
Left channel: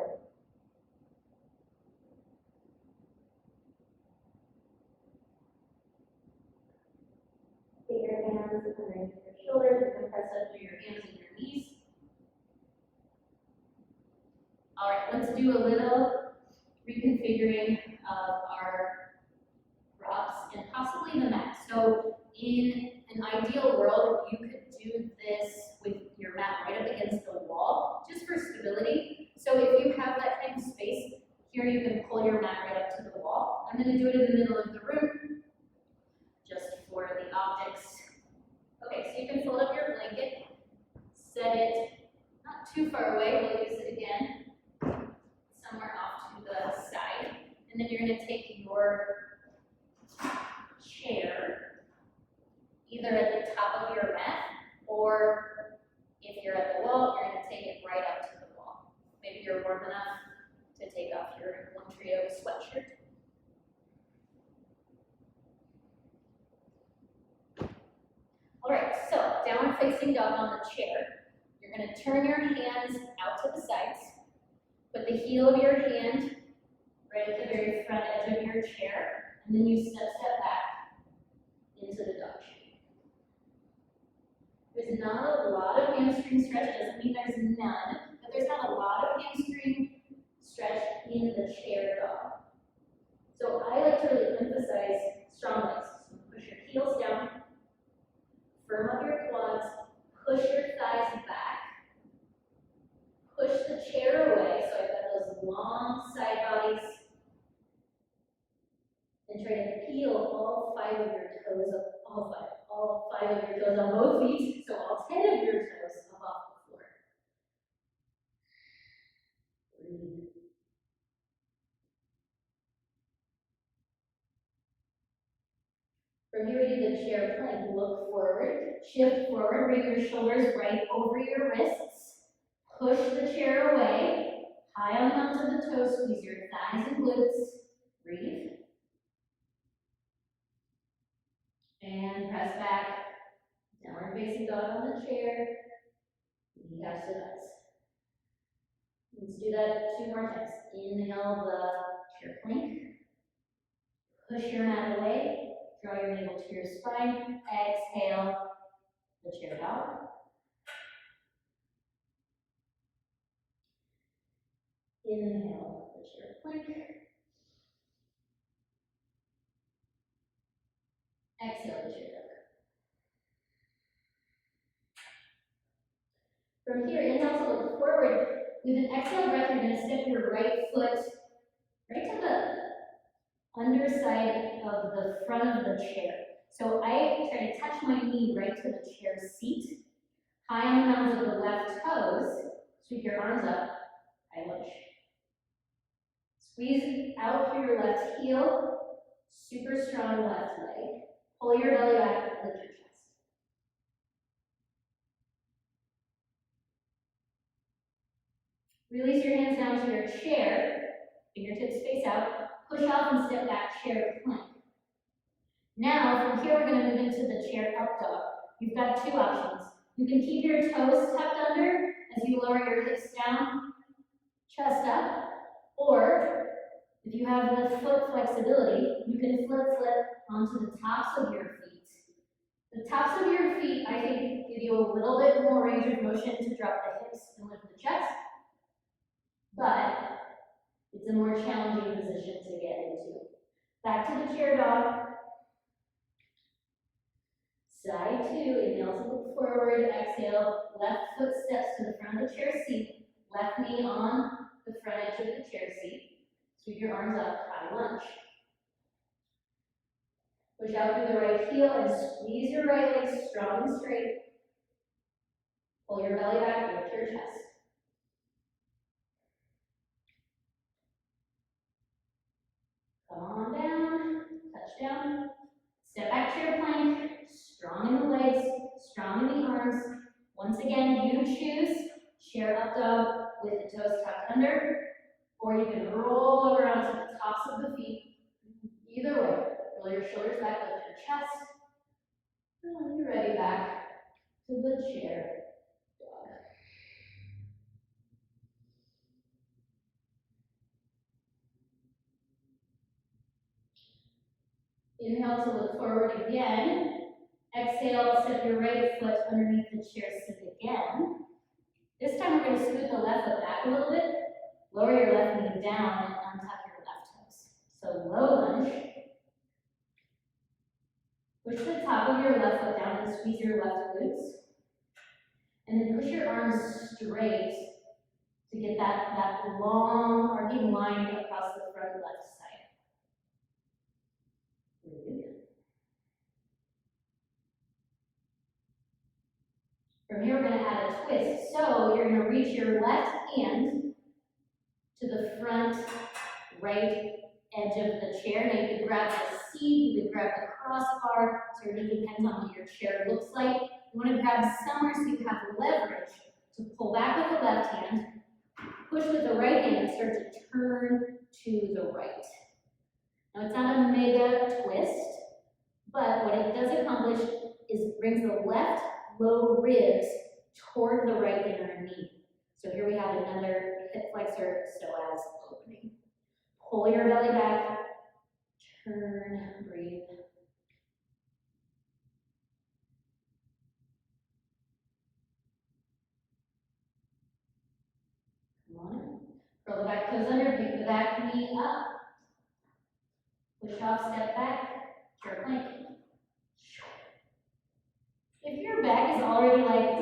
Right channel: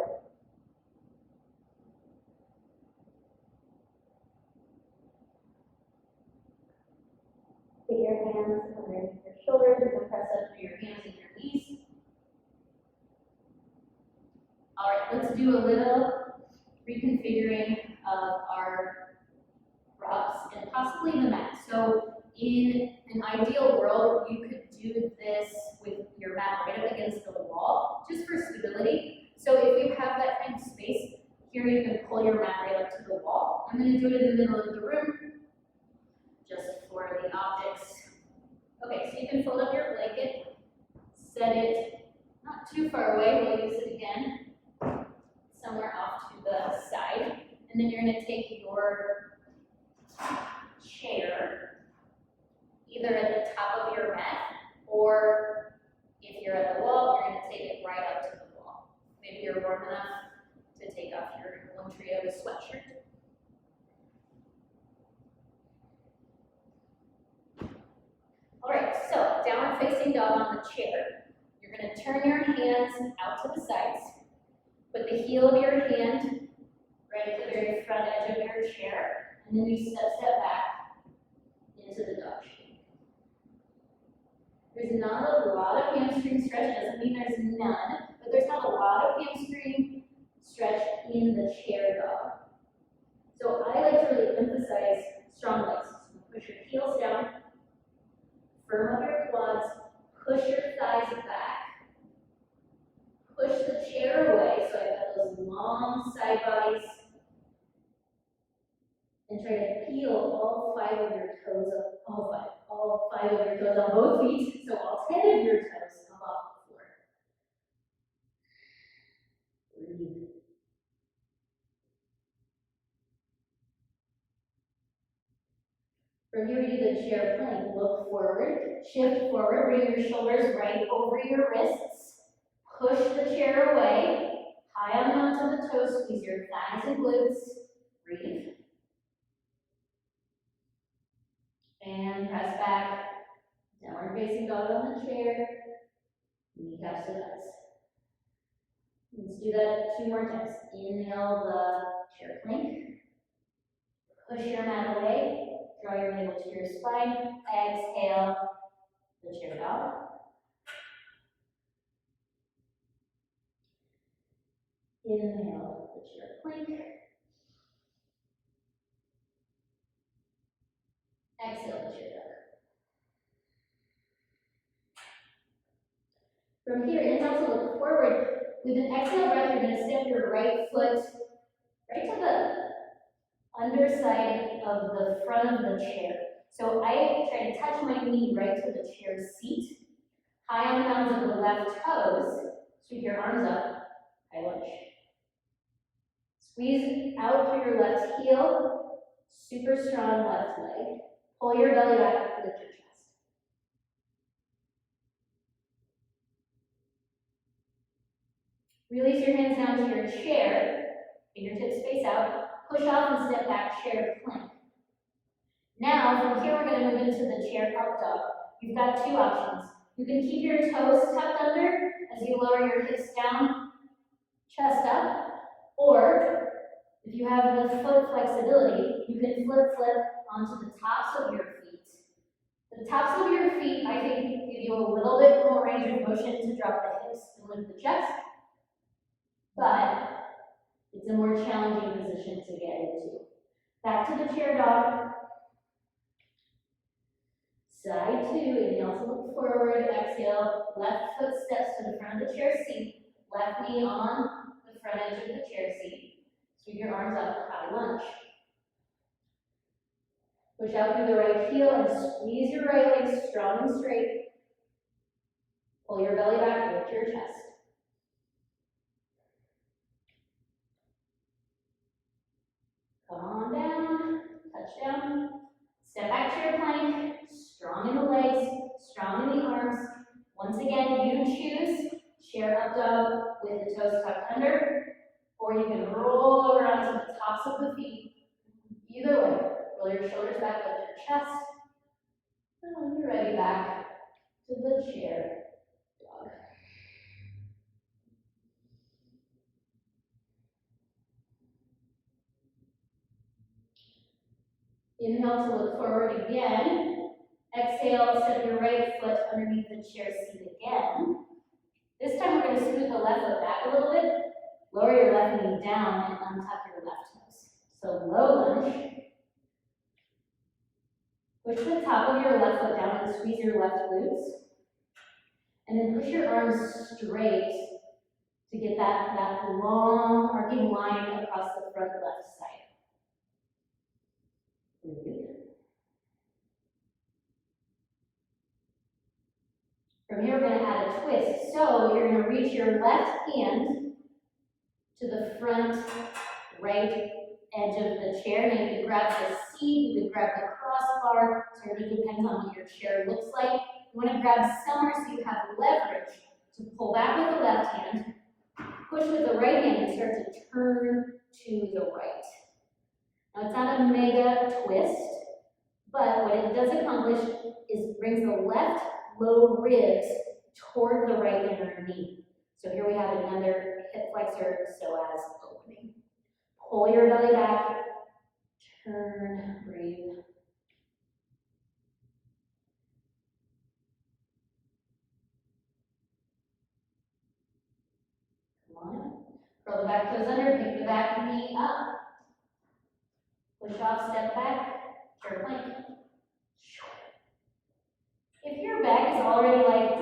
Get your hands underneath your shoulders. You can press up through your hands and your knees. All right, let's do a little reconfiguring of our props and possibly the mat. So in an ideal world, you could do this with your mat right up against the wall, just for stability. So if you have that kind of space, here you can pull your mat right up to the wall. I'm gonna do it in the middle of the room, just for the optics. Okay, so you can fold up your blanket, set it not too far away, we'll use it again, somewhere off to the side, and then you're gonna take your chair, either at the top of your mat, or if you're at the wall, you're gonna take it right up to the wall. Maybe you're warm enough to take off your one trio sweatshirt. All right, so downward facing dog on the chair. You're gonna turn your hands out to the sides. Put the heel of your hand right at the very front edge of your chair, and then you step back into the dog shape. There's not a lot of hamstring stretch. It doesn't mean there's none, but there's not a lot of hamstring stretch in the chair dog. So I like to really emphasize strong legs. So push your heels down, firm up your quads, push your thighs back, push the chair away, so I've got those long side bodies, and try to peel all five of your toes up, all five of your toes on both feet, so all 10 of your toes up off the floor. Breathe. From here, we do the chair plank. Look forward, shift forward, bring your shoulders right over your wrists, push the chair away, high on onto the toes, squeeze your thighs and glutes, breathe. And press back, downward facing dog on the chair, kneecaps to thighs. Let's do that 2 more times. Inhale the chair plank, push your mat away, draw your navel to your spine, exhale the chair dog. Inhale the chair plank, exhale the chair dog. From here, inhale to look forward. With an exhale breath, you're going to step your right foot right to the underside of the front of the chair. So I try to touch my knee right to the chair seat. High on the mounds of the left toes, sweep your arms up, high lunge. Squeeze out through your left heel, super strong left leg. Pull your belly back, lift your chest. Release your hands down to your chair, fingertips face out, push off and step back, chair plank. Now, from here, we're going to move into the chair up dog. You've got 2 options. You can keep your toes tucked under as you lower your hips down, chest up, or if you have the foot flexibility, you can flip onto the tops of your feet. The tops of your feet, I think, give you a little bit more range of motion to drop the hips and lift the chest, but it's a more challenging position to get into. Back to the chair dog. Side 2, inhale to look forward, exhale, left foot steps to the front of the chair seat, left knee on the front edge of the chair seat. Sweep your arms up, high lunge. Push out through the right heel and squeeze your right leg strong and straight. Pull your belly back, lift your chest. down. Step back to your plank, strong in the legs, strong in the arms. Once again, you choose chair up dog with the toes tucked under, or you can roll over onto the tops of the feet. Either way, roll your shoulders back, lift your chest. And when you're ready, back to the chair dog. Inhale to look forward again. Exhale, step your right foot underneath the chair seat again. This time we're going to scoot the left foot back a little bit. Lower your left knee down and untuck your left toes. So low lunge. Push the top of your left foot down and squeeze your left glutes. And then push your arms straight to get that long arcing line across the front left side. Breathe. From here, we're going to add a twist. So you're going to reach your left hand to the front right edge of the chair. Now you can grab the seat, you can grab the crossbar, sort of depends on what your chair looks like. You want to grab somewhere so you have leverage to pull back with the left hand, push with the right hand, and start to turn to the right. Now it's not a mega twist, but what it does accomplish is brings the left low ribs toward the right inner knee. So here we have another hip flexor psoas opening. Pull your belly back, turn, breathe. Come on. Curl the back toes under, pick the back knee up. Push off, step back, chair plank. If your back is already like,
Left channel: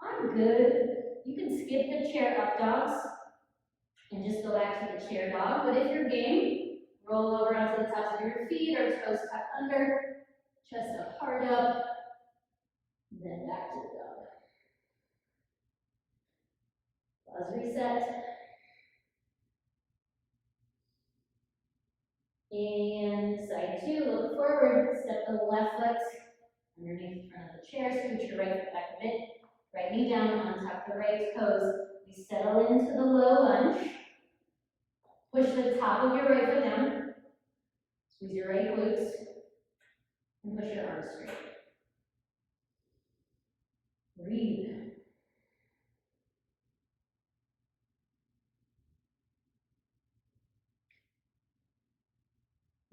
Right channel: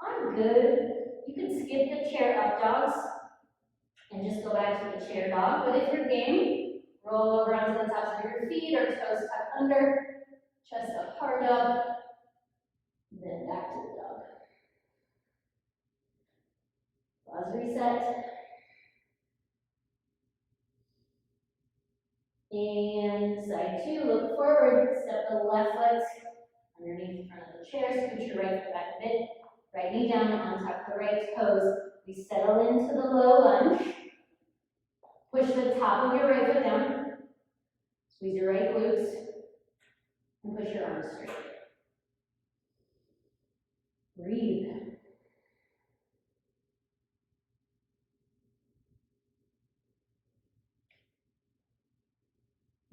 I'm good, you can skip the chair up dogs and just go back to the chair dog. But if you're game, roll over onto the tops of your feet or toes tucked under, chest up, heart up, then back to the dog. Pause, reset. And side two, look forward, step the left foot underneath the front of the chair, scoot your right foot back a bit, right knee down, untuck the right toes. We settle into the low lunge. Push the top of your right foot down, squeeze your right glutes, and push your arms straight. Breathe.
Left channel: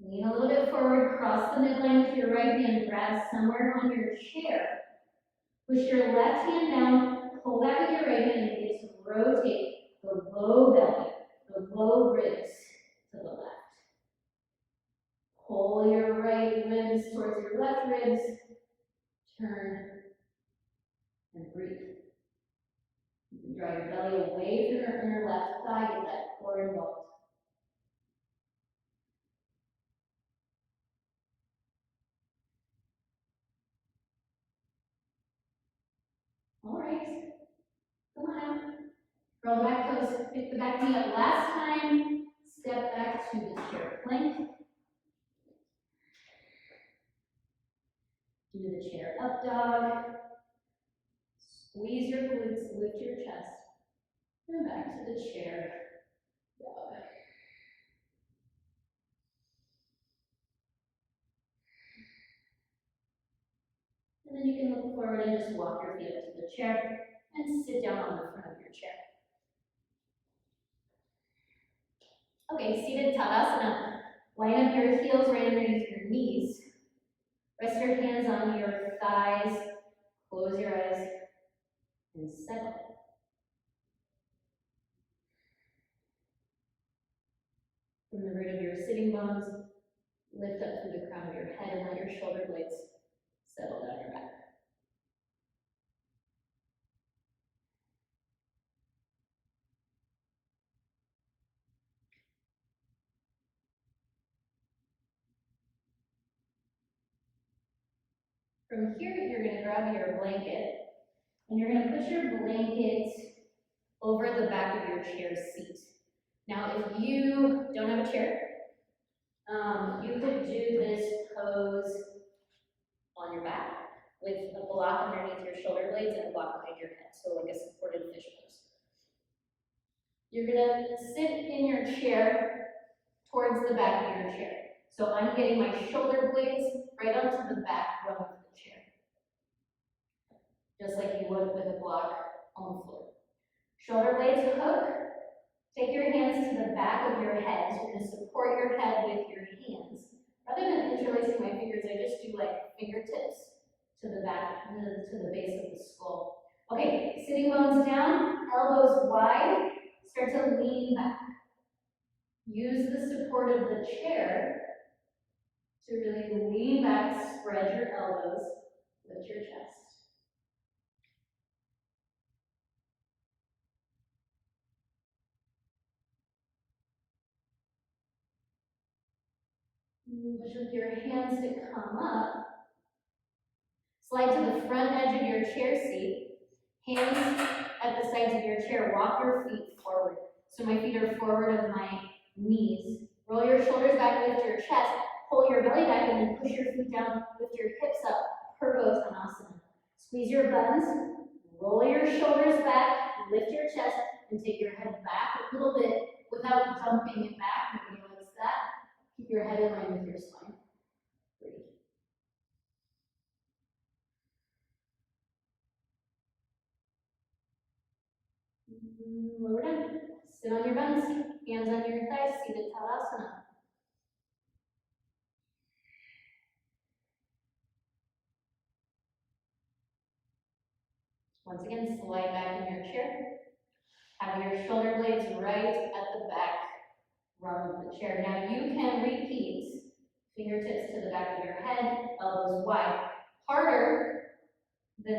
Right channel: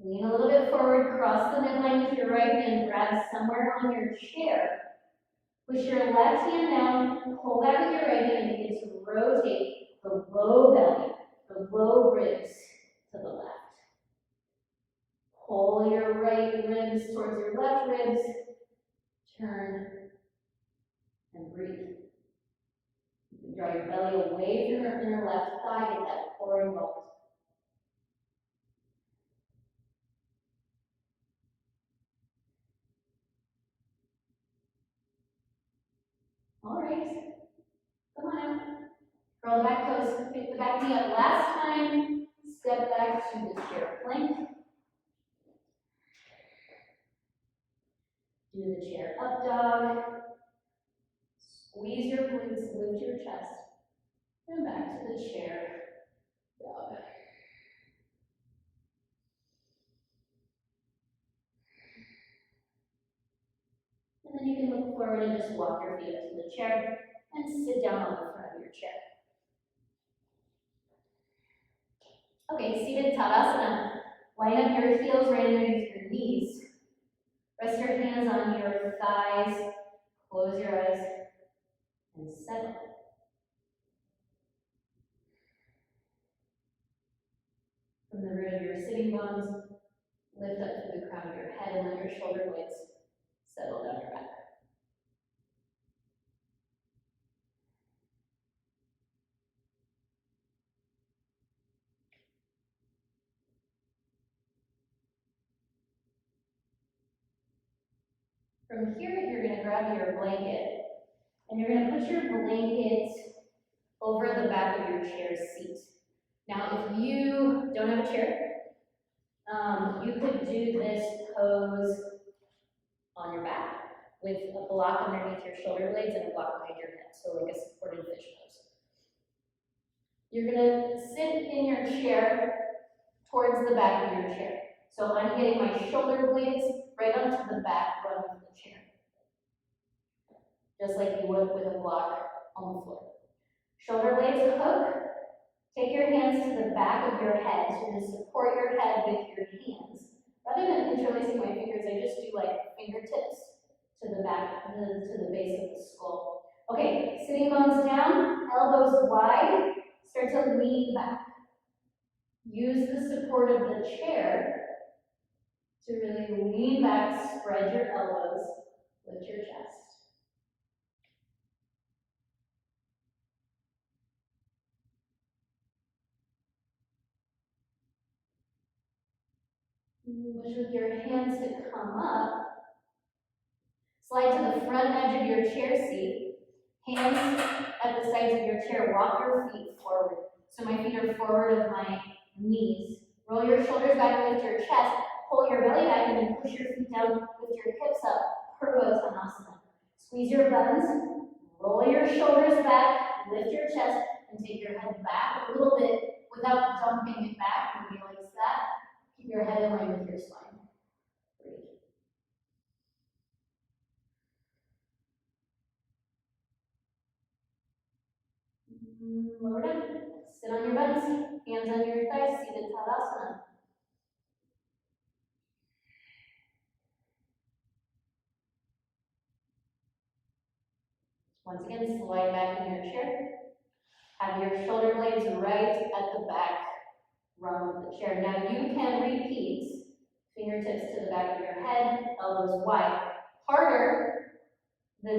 Lean a little bit forward, cross the midline with your right hand, grab somewhere on your chair. Push your left hand down, pull back with your right hand, and begin to rotate the low belly, the low ribs to the left. Pull your right ribs towards your left ribs, turn, and breathe. You can draw your belly away from your inner left thigh, get that core involved. All right, come on now. Curl the back toes, pick the back knee up. Last time, step back to the chair plank. Do the chair up dog. Squeeze your glutes, lift your chest. And back to the chair dog. And then you can look forward and just walk your feet up to the chair and sit down on the front of your chair. Okay, seated Tadasana. Line up your heels right underneath your knees. Rest your hands on your thighs. Close your eyes and settle. From the root of your sitting bones, lift up through the crown of your head and let your shoulder blades settle down your back. From here, you're going to grab your blanket, and you're going to put your blanket over the back of your chair seat. Now, if you don't have a chair, You could do this pose on your back with a block underneath your shoulder blades and a block behind your head, so like a supported fish pose. You're gonna sit in your chair towards the back of your chair. So I'm getting my shoulder blades right onto the back rung of the chair, just like you would with a block on the floor. Shoulder blades hook. Take your hands to the back of your head. So you're going to support your head with your hands. Rather than interlacing my fingers, I just do like fingertips to the back, to the base of the skull. Okay, sitting bones down, elbows wide. Start to lean back. Use the support of the chair to really lean back, spread your elbows, lift your chest. Use your hands to come up. Slide to the front edge of your chair seat. Hands at the sides of your chair. Walk your feet forward. So my feet are forward of my knees. Roll your shoulders back, lift your chest. Pull your belly back and then push your feet down, lift your hips up. Purvottanasana. Squeeze your buns. Roll your shoulders back, lift your chest, and take your head back a little bit without dumping it back. Nobody likes that. Keep your head in line with your spine. Breathe. Lower down. Sit on your buns. Hands on your thighs. Seated Tadasana. Once again, slide back in your chair. Have your shoulder blades right at the back rung of the chair. Now you can repeat fingertips to the back of your head, elbows wide. Harder, the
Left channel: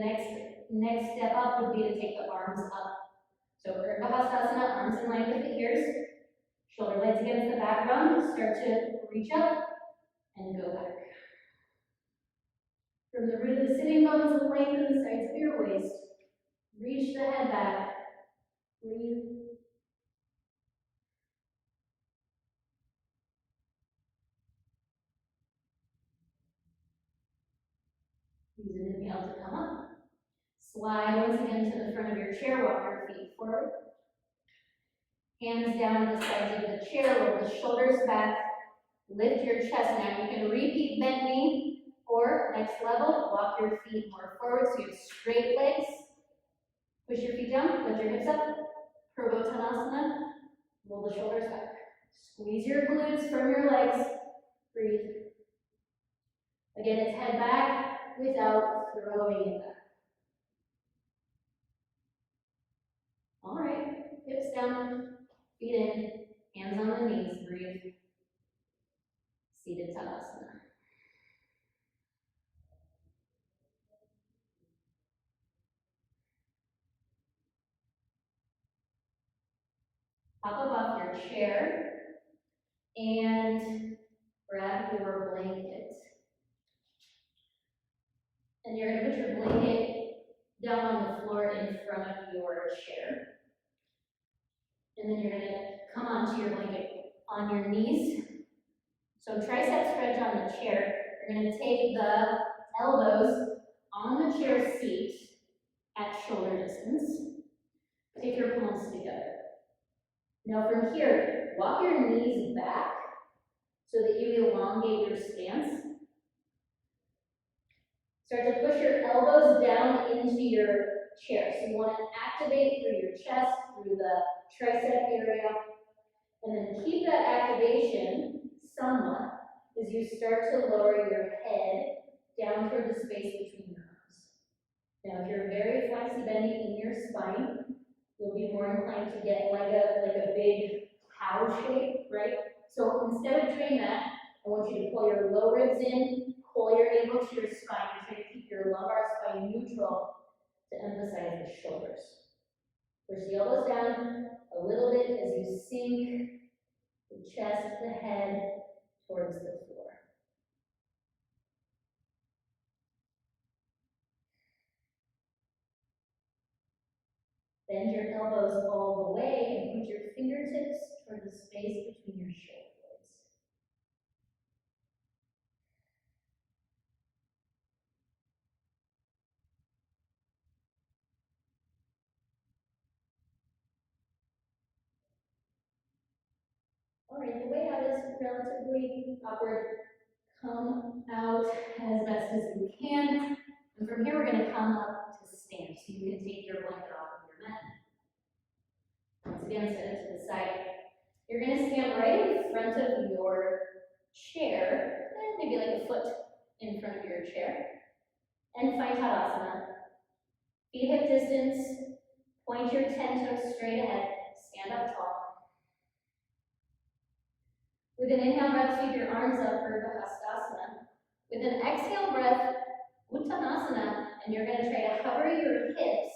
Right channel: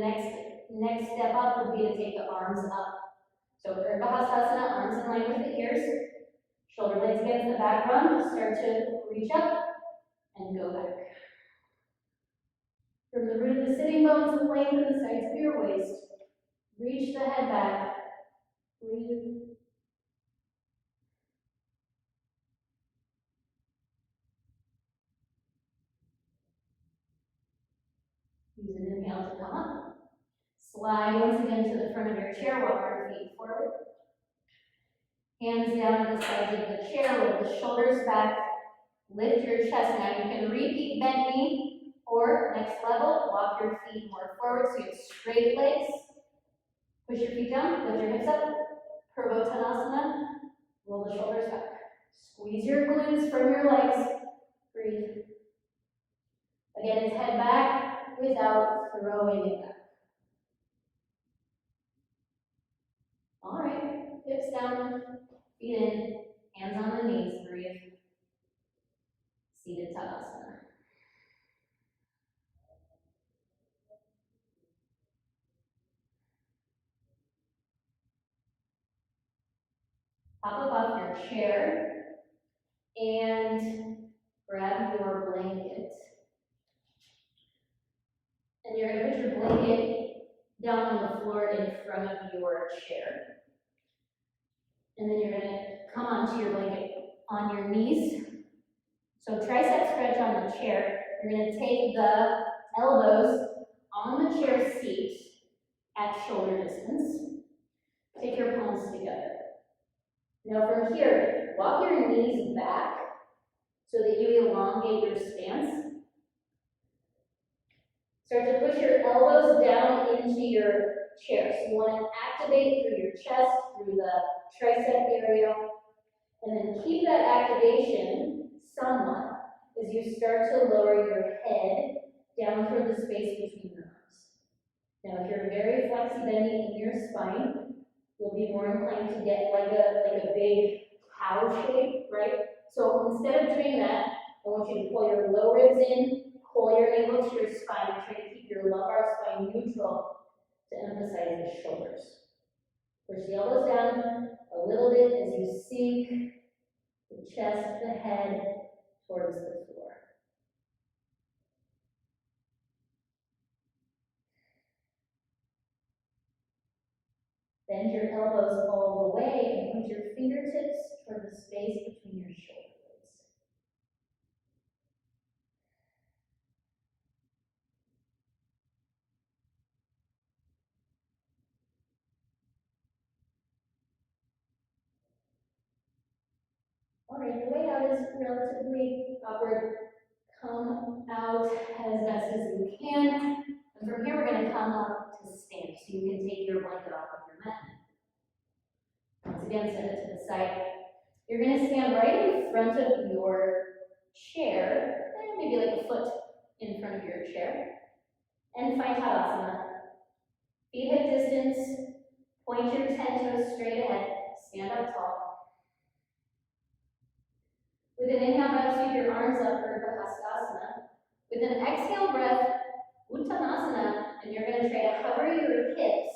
next step up would be to take the arms up. So Urdhva arms in line with the ears, shoulder blades against the back rung, start to reach up and go back. From the root of the sitting bones, lengthen the sides of your waist, reach the head back, breathe. Use an inhale to come up. Slide once again to the front of your chair, walk your feet forward. Hands down to the sides of the chair, roll the shoulders back, lift your chest. Now you can repeat bent knee, or next level, walk your feet more forward so you have straight legs. Push your feet down, lift your hips up. Purvottanasana, roll the shoulders back. Squeeze your glutes from your legs. Breathe. Again, it's head back without throwing it back. All right, hips down, feet in, hands on the knees, breathe. Seated Tadasana. Hop up off your chair and grab your blanket. And you're going to put your blanket down on the floor in front of your chair. And then you're going to come onto your blanket on your knees. So tricep stretch on the chair. You're going to take the elbows on the chair seat at shoulder distance. Take your palms together. Now from here, walk your knees back so that you elongate your stance. Start to push your elbows down into your chair. So you want to activate through your chest, through the tricep area, and then keep that activation somewhat as you start to lower your head down toward the space between your arms. Now if you're very flexi-bendy in your spine, you'll be more inclined to get like a big cow shape, right? So instead of doing that, I want you to pull your low ribs in, pull your navel to your spine, and try to keep your lumbar spine neutral to emphasize the shoulders. Push the elbows down a little bit as you sink the chest, the head towards the floor. Bend your elbows all the way and point your fingertips toward the space between your shoulder blades. and your way out is relatively upward. Come out as best as you can. And from here, we're going to come up to stand. So you can take your blanket off of your mat. Once again, set it to the side. You're going to stand right in front of your chair, maybe like a foot in front of your chair, and find Tadasana. Feet hip distance, point your 10 toes straight ahead, stand up tall. With an inhale breath, sweep your arms up for Hastasana. With an exhale breath, Uttanasana, and you're going to try to hover your hips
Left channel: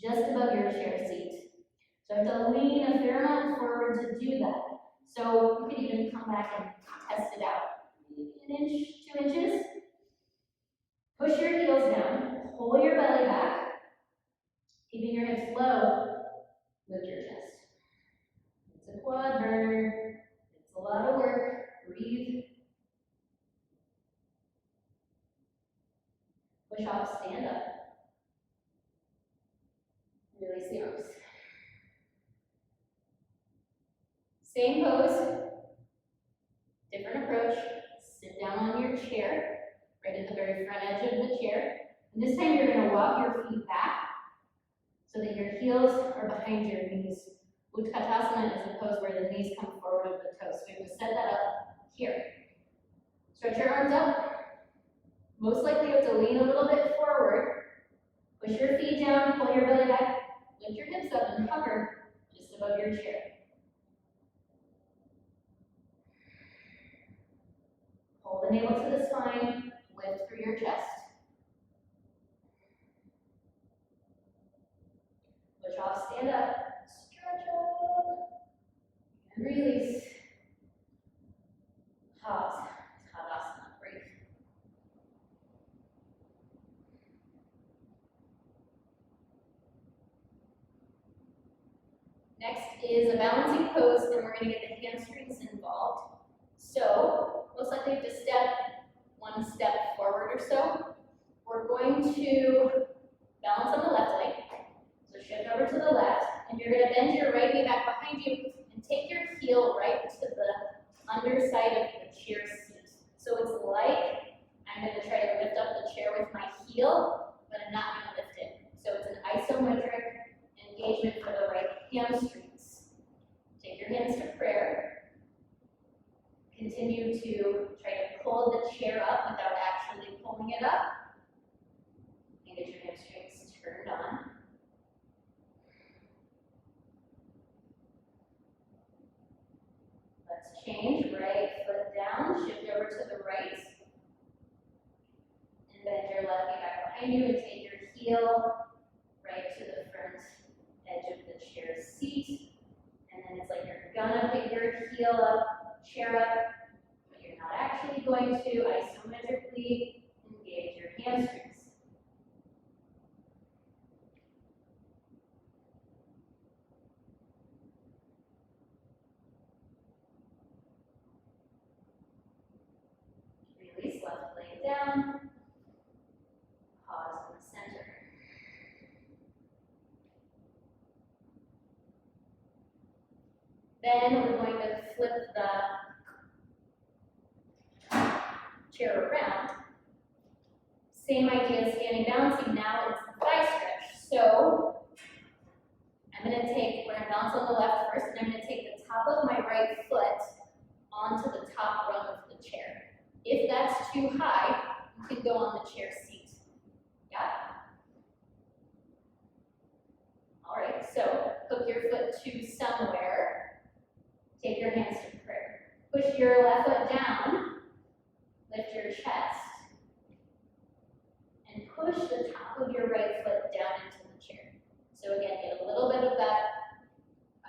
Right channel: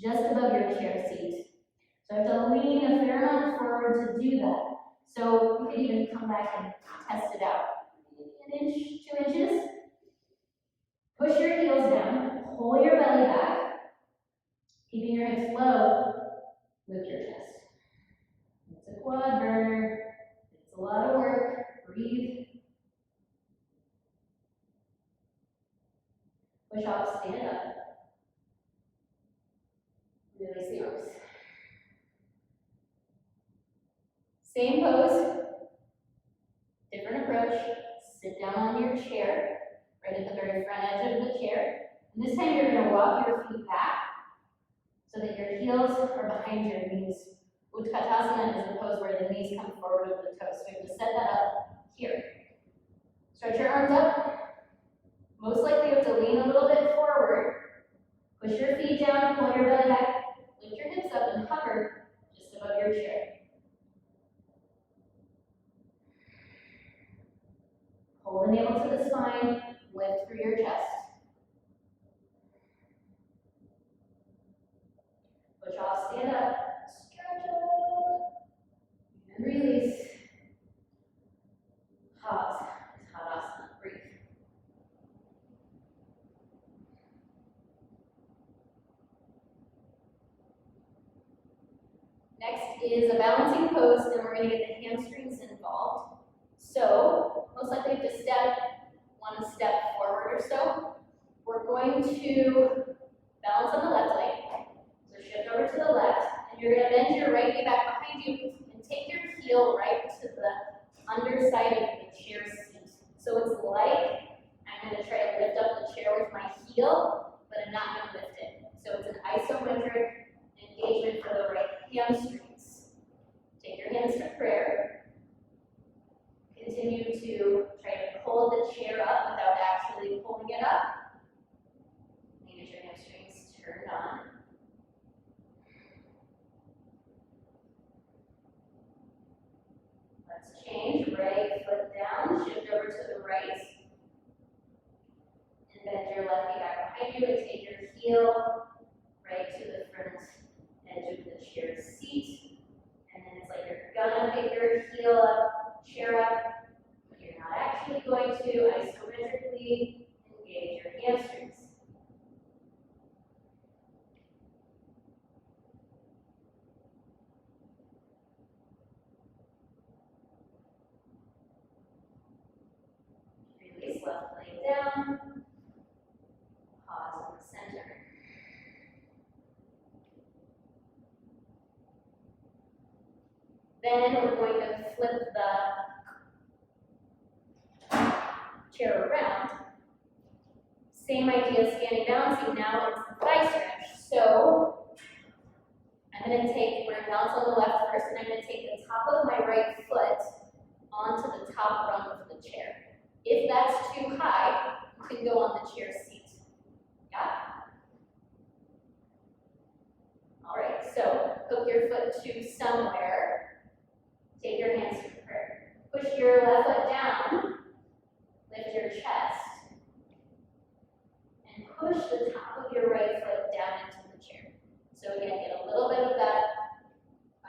just above your chair seat. So I have to lean a fair amount forward to do that. So you could even come back and test it out. Maybe an inch, 2 inches. Push your heels down, pull your belly back, keeping your hips low, lift your chest. It's a quad burner, it's a lot of work, breathe. Push off, stand up. Release the arms. Same pose, different approach. Sit down on your chair, right at the very front edge of the chair. And this time you're going to walk your feet back so that your heels are behind your knees. Utkatasana is the pose where the knees come forward over the toes. So we have to set that up here. Stretch your arms up. Most likely you have to lean a little bit forward. Push your feet down, pull your belly back, lift your hips up and hover just above your chair. Hold the navel to the spine, lift through your chest. Push off, stand up, stretch up, and release. Pause, Tadasana, breathe. Next is a balancing pose, and we're going to get the hamstrings involved. So, most likely you have to step one step forward or so. We're going to balance on the left leg. So shift over to the left, and you're going to bend your right knee back behind you and take your heel right to the underside of the chair seat. So it's like I'm going to try to lift up the chair with my heel, but I'm not going to lift it. So it's an isometric engagement for the right hamstrings. Take your hands to prayer. Continue to try to pull the chair up without actually pulling it up. And get your hamstrings turned on. Let's change. Right foot down, shift over to the right. And bend your left knee back behind you and take your heel right to the front edge of the chair seat. And then it's like you're gonna pick your heel up, chair up, but you're not actually going to isometrically engage your hamstrings. Release left leg down. Pause in the center. Then we're going to flip the chair around. Same idea, standing balancing. Now it's the thigh stretch. So I'm going to take, we're going to balance on the left first, and I'm going to take the top of my right foot onto the top rung of the chair. If that's too high, you can go on the chair seat. Yeah? All right, so hook your foot to somewhere. Take your hands to prayer. Push your left foot down. Lift your chest. And push the top of your right foot down into the chair. So again, get a little bit of that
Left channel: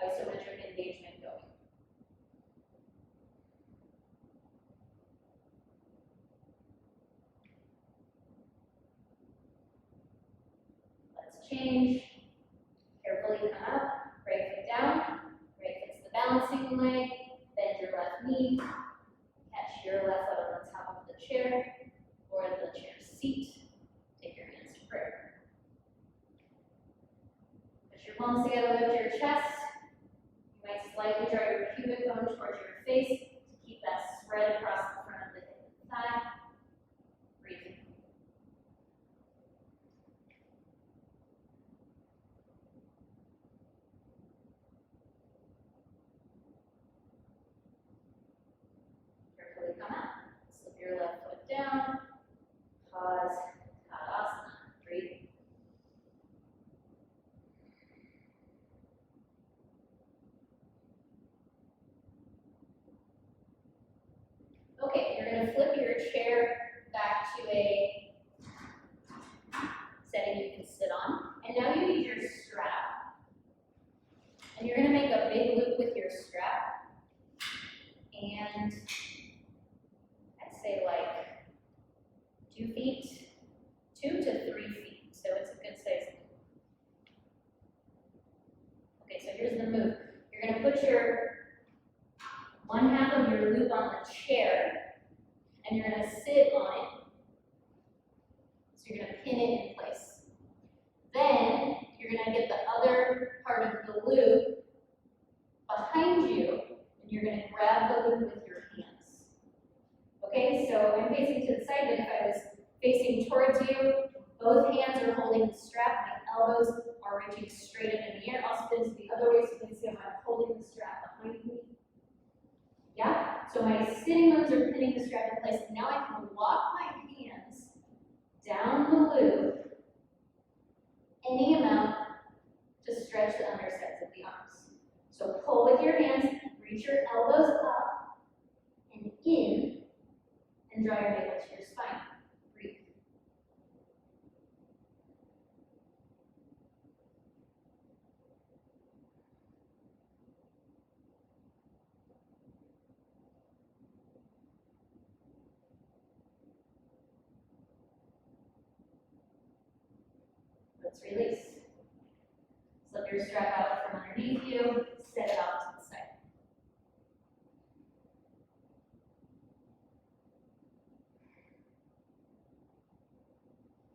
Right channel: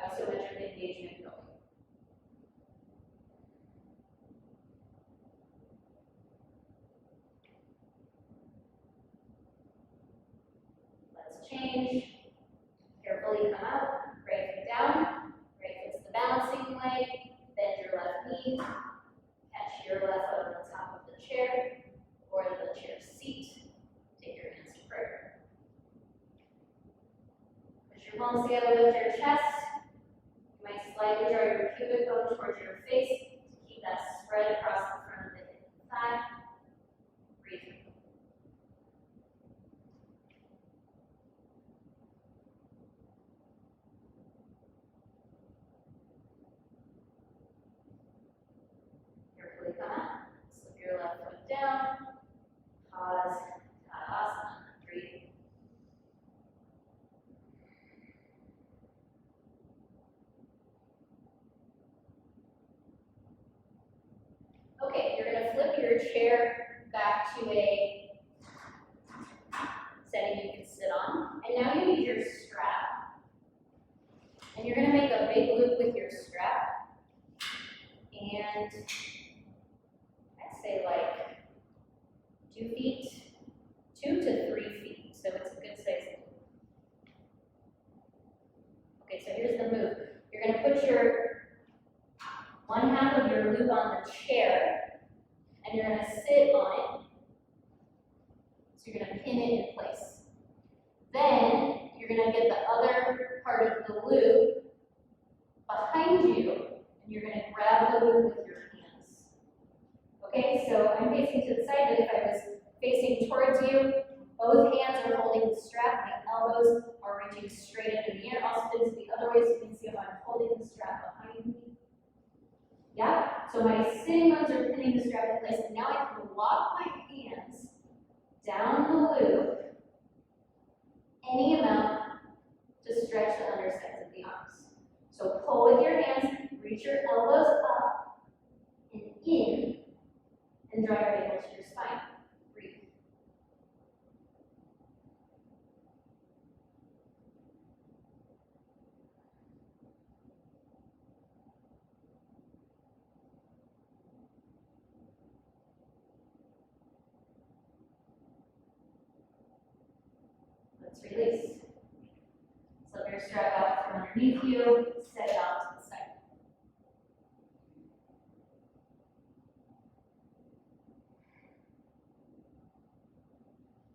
isometric engagement going. Let's change. Carefully come out. Right foot down. Right foot's the balancing leg. Bend your left knee. pubic bone towards your face to keep that spread across the front of the hip and thigh. Breathe. Carefully come out. Slip your left foot down. Pause. Tadasana. Breathe. Okay, you're going to flip your chair back to a setting you can sit on. And now you need your strap. And you're going to make a big loop with your strap. And I'd say like 2 feet, 2 to 3 feet. So it's a good size loop. Okay, so here's the move. You're going to put your one half of your loop on the chair, and you're going to sit on it. So you're going to pin it in place. Then you're going to get the other part of the loop behind you, and you're going to grab the loop with your hands. Okay, so I'm facing to the side, but if I was facing towards you, both hands are holding the strap, my elbows are reaching straight up in the air. I'll spin to the other way so you can see if I'm holding the strap behind me. Yeah? So my sitting bones are pinning the strap in place, and now I can walk my hands down the loop any amount to stretch the undersides of the arms. So pull with your hands, reach your elbows up and in, and draw your navel to your spine. Breathe. Let's release. Slip your strap out from underneath you, set it off to the side.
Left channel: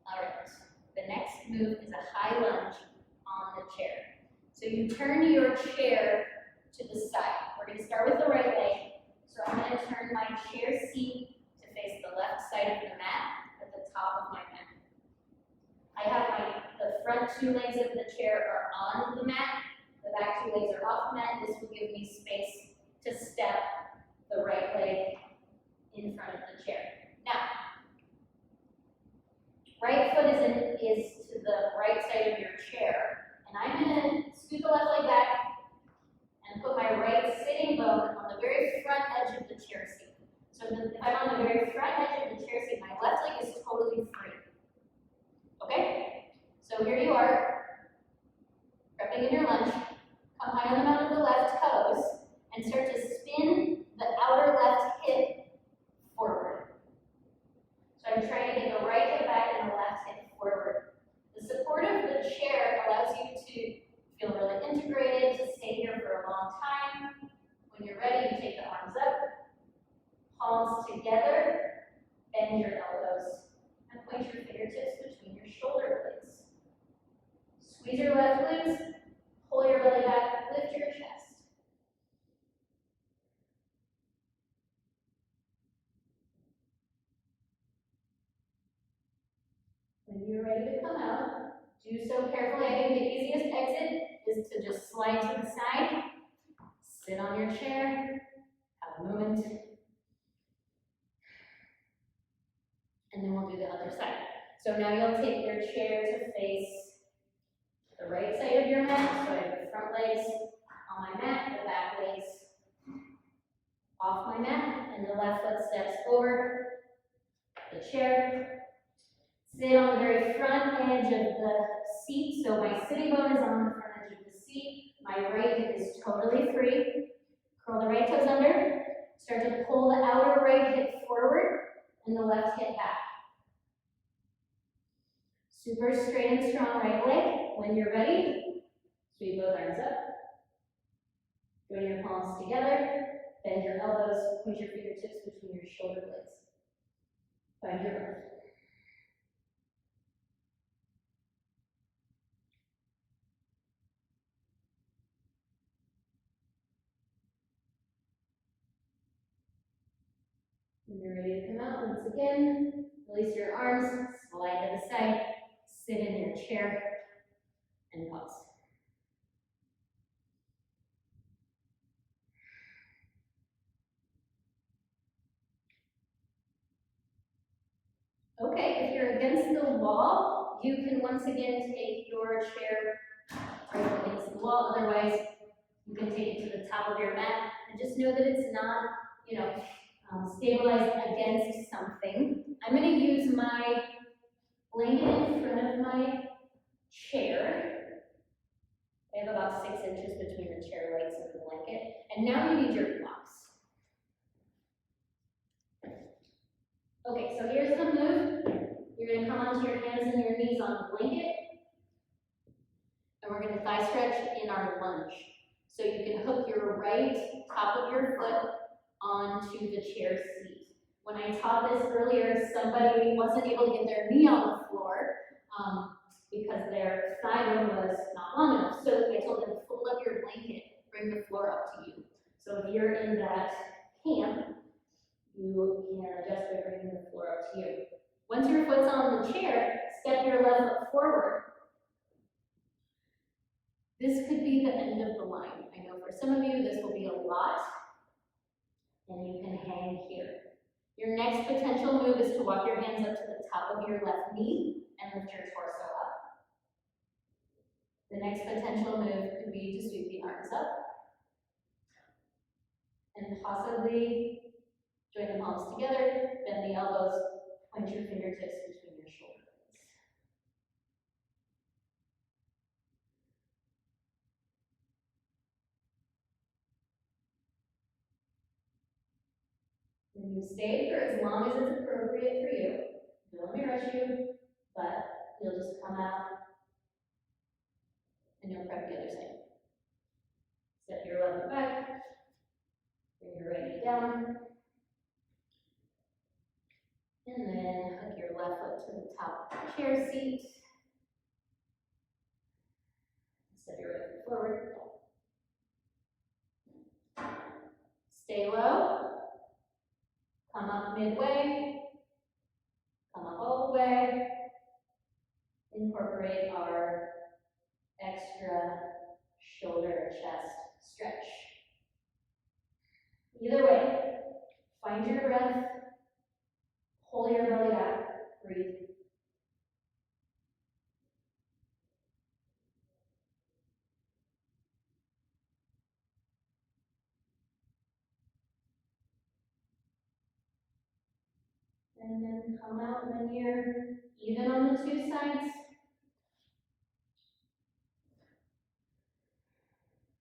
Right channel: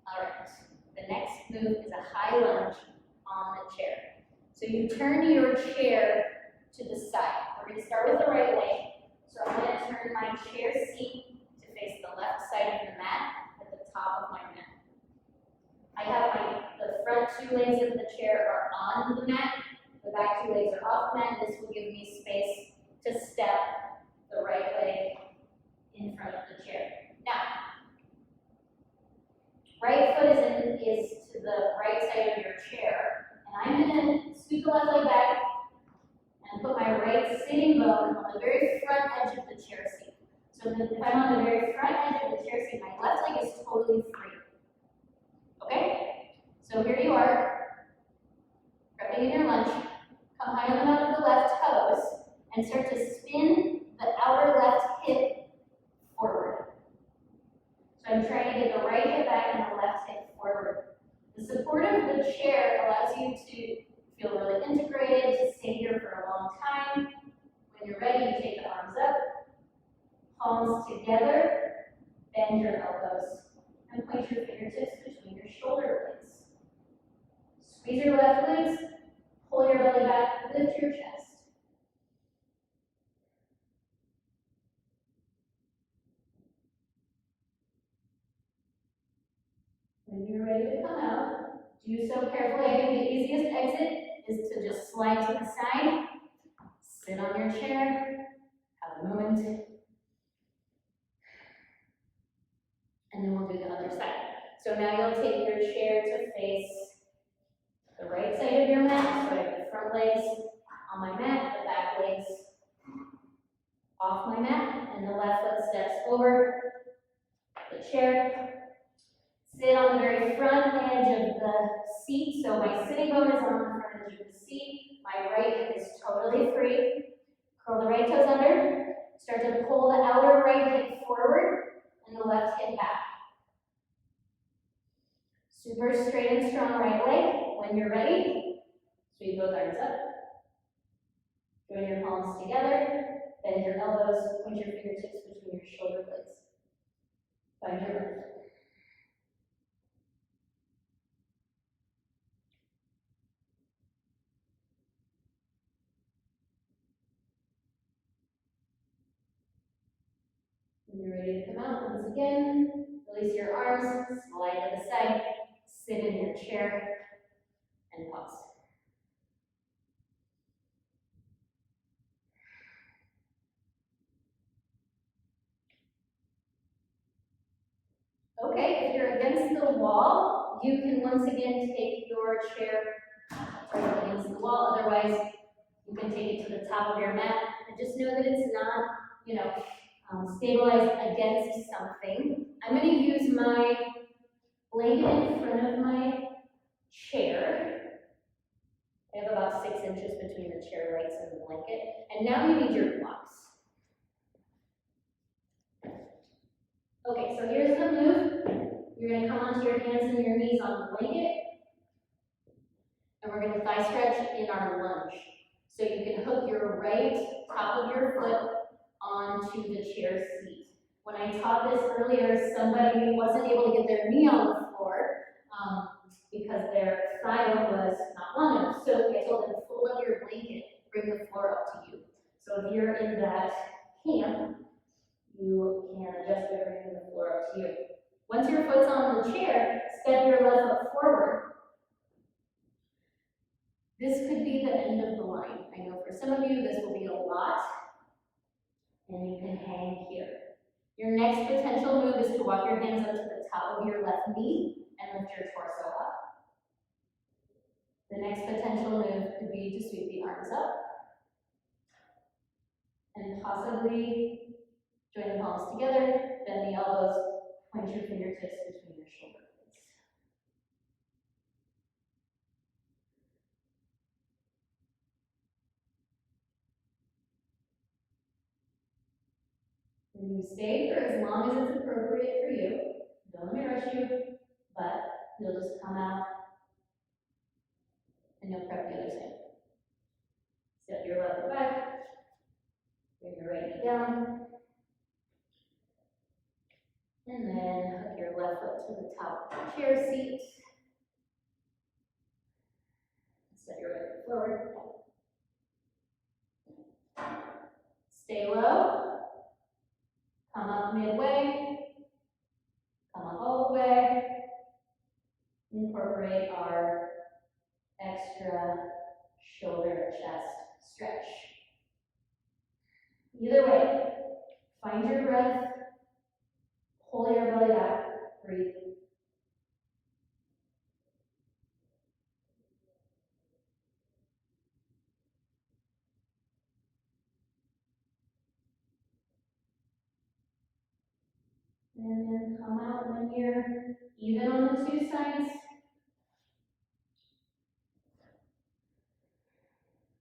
All right, the next move is a high lunge on the chair. So you turn your chair to the side. We're going to start with the right leg. So I'm going to turn my chair seat to face the left side of the mat at the top of my mat. I have the front 2 legs of the chair are on the mat, the back 2 legs are off the mat. This will give me space to step the right leg in front of the chair. Now, right foot is to the right side of your chair, and I'm going to scoot the left leg back and put my right sitting bone on the very front edge of the chair seat. So if I'm on the very front edge of the chair seat, my left leg is totally free. Okay? So here you are, prepping in your lunge. Come high on the mountain of the left toes and start to spin the outer left hip forward. So I'm trying to get the right hip back and the left hip forward. The support of the chair allows you to feel really integrated, to stay here for a long time. When you're ready, you take the arms up, palms together, bend your elbows, and point your fingertips between your shoulder blades. Squeeze your left glutes, pull your belly back, lift your chest. When you're ready to come out, do so carefully. I think the easiest exit is to just slide to the side, sit on your chair, have a moment, and then we'll do the other side. So now you'll take your chair to face the right side of your mat. So I have the front legs on my mat, the back legs off my mat, and the left foot steps over the chair. Sit on the very front edge of the seat. So my sitting bone is on the front edge of the seat. My right hip is totally free. Curl the right toes under. Start to pull the outer right hip forward and the left hip back. Super straight and strong right leg. When you're ready, sweep both arms up. Join your palms together. Bend your elbows. Point your fingertips between your shoulder blades. Find your breath. When you're ready to come out, once again, release your arms, slide to the side, sit in your chair, and pause. Okay, if you're against the wall, you can once again take your chair right against the wall. Otherwise, you can take it to the top of your mat and just know that it's not, stabilized against something. I'm going to use my blanket in front of my chair. I have about 6 inches between the chair legs and the blanket. And now you need your blocks. Okay, so here's the move. You're going to come onto your hands and your knees on the blanket. And we're going to thigh stretch in our lunge. So you can hook your right top of your foot onto the chair seat. When I taught this earlier, somebody wasn't able to get their knee on the floor because their thigh was not long enough. So I told them, fold up your blanket, bring the floor up to you. So if you're in that camp, you can adjust by bringing the floor up to you. Once your foot's on the chair, step your left foot forward. This could be the end of the line. I know for some of you this will be a lot, and you can hang here. Your next potential move is to walk your hands up to the top of your left knee and lift your torso up. The next potential move could be to sweep the arms up and possibly join the palms together, bend the elbows, point your fingertips between your shoulder blades. And you stay for as long as it's appropriate for you. Don't let me rush you, but you'll just come out and you'll prep the other side. Step your left foot back, bring your right knee down, and then hook your left foot to the top of the chair seat. Step your right foot forward. Stay low. Come up midway. Come up all the way. Incorporate our extra shoulder and chest stretch. Either way, find your breath, pull your belly back, breathe. And then come out when you're even on the two sides.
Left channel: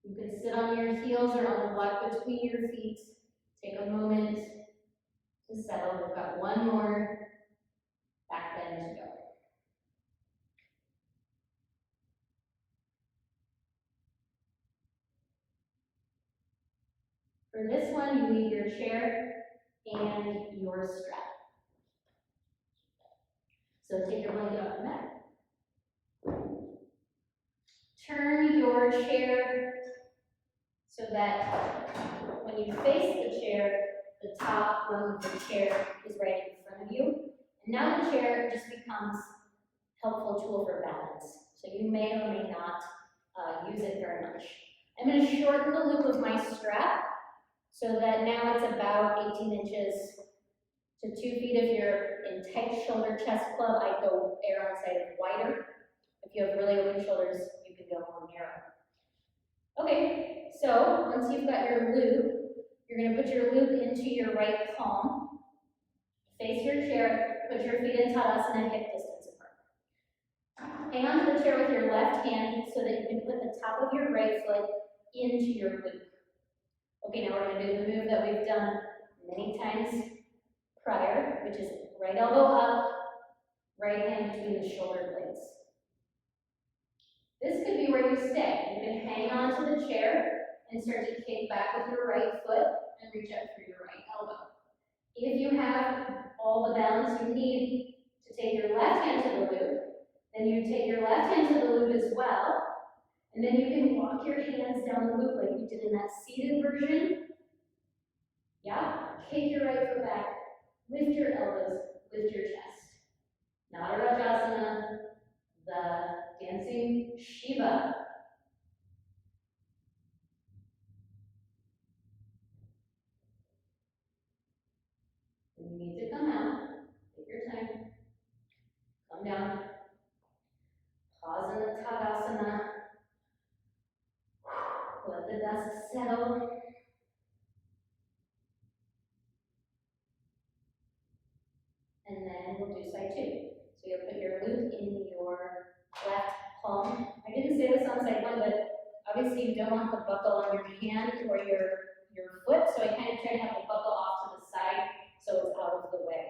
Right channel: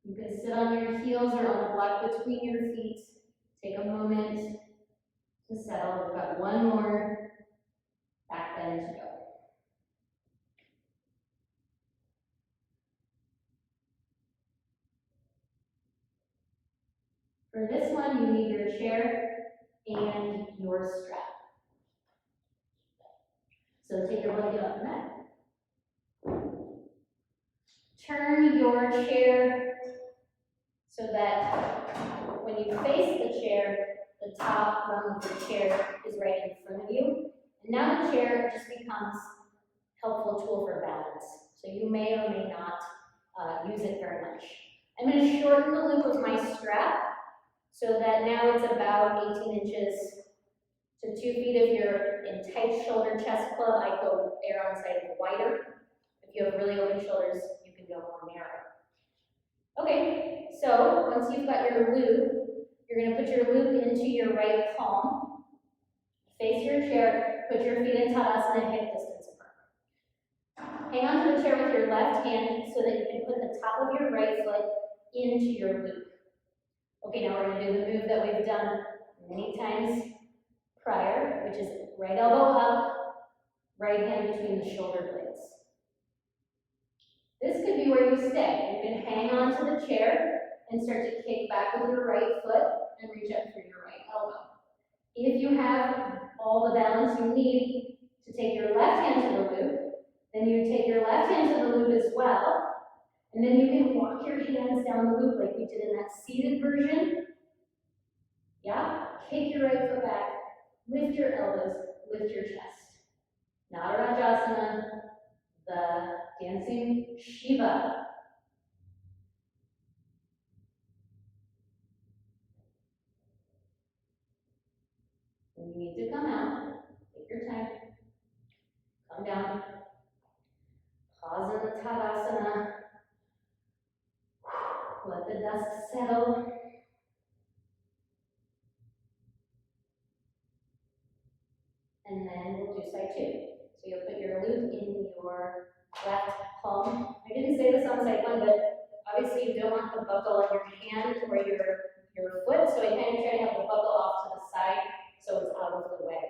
You can sit on your heels or on the block between your feet. Take a moment to settle. We've got one more back bend to go. For this one, you need your chair and your strap. So take your blanket off the mat. Turn your chair so that when you face the chair, the top rung of the chair is right in front of you. And now the chair just becomes a helpful tool for balance. So you may or may not use it very much. I'm going to shorten the loop of my strap so that now it's about 18 inches to 2 feet. If you're in tight shoulder chest club, I go err on the side of wider. If you have really open shoulders, you can go more narrow. Okay, so once you've got your loop, you're going to put your loop into your right palm, face your chair, put your feet in Tadasana, hip distance apart. Hang on to the chair with your left hand so that you can put the top of your right foot into your loop. Okay, now we're going to do the move that we've done many times prior, which is right elbow up, right hand between the shoulder blades. This could be where you stay. You can hang on to the chair and start to kick back with your right foot and reach up through your right elbow. If you have all the balance you need to take your left hand to the loop, then you take your left hand to the loop as well, and then you can walk your hands down the loop like we did in that seated version. Yeah, kick your right foot back, Lift your elbows, lift your chest. Natarajasana, the dancing Shiva. When you need to come out, take your time. Come down. Pause in the Tadasana. Let the dust settle. And then we'll do side two. So you'll put your loop in your left palm. I didn't say this on side one, but obviously you don't want the buckle on your hand or your foot, so I kind of try to have the buckle off to the side so it's out of the way.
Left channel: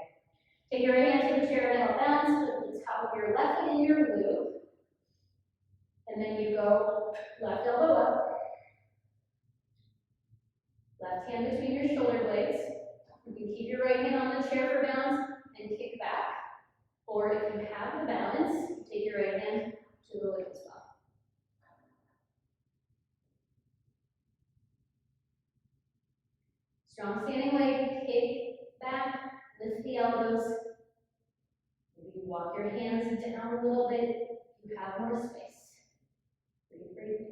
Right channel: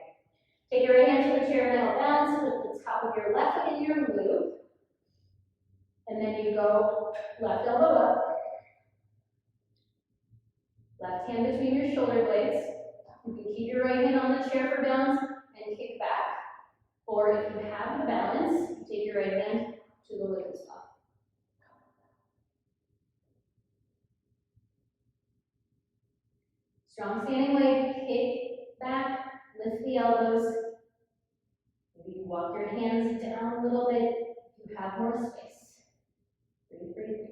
Take your right hand to the chair metal balance, put the top of your left foot in your loop, and then you go left elbow up, left hand between your shoulder blades. You can keep your right hand on the chair for balance and kick back. Or if you have the balance, you take your right hand to the loop as well. Strong standing leg, kick back, lift the elbows. Maybe you walk your hands down a little bit. You have more space. Breathe, breathe, breathe.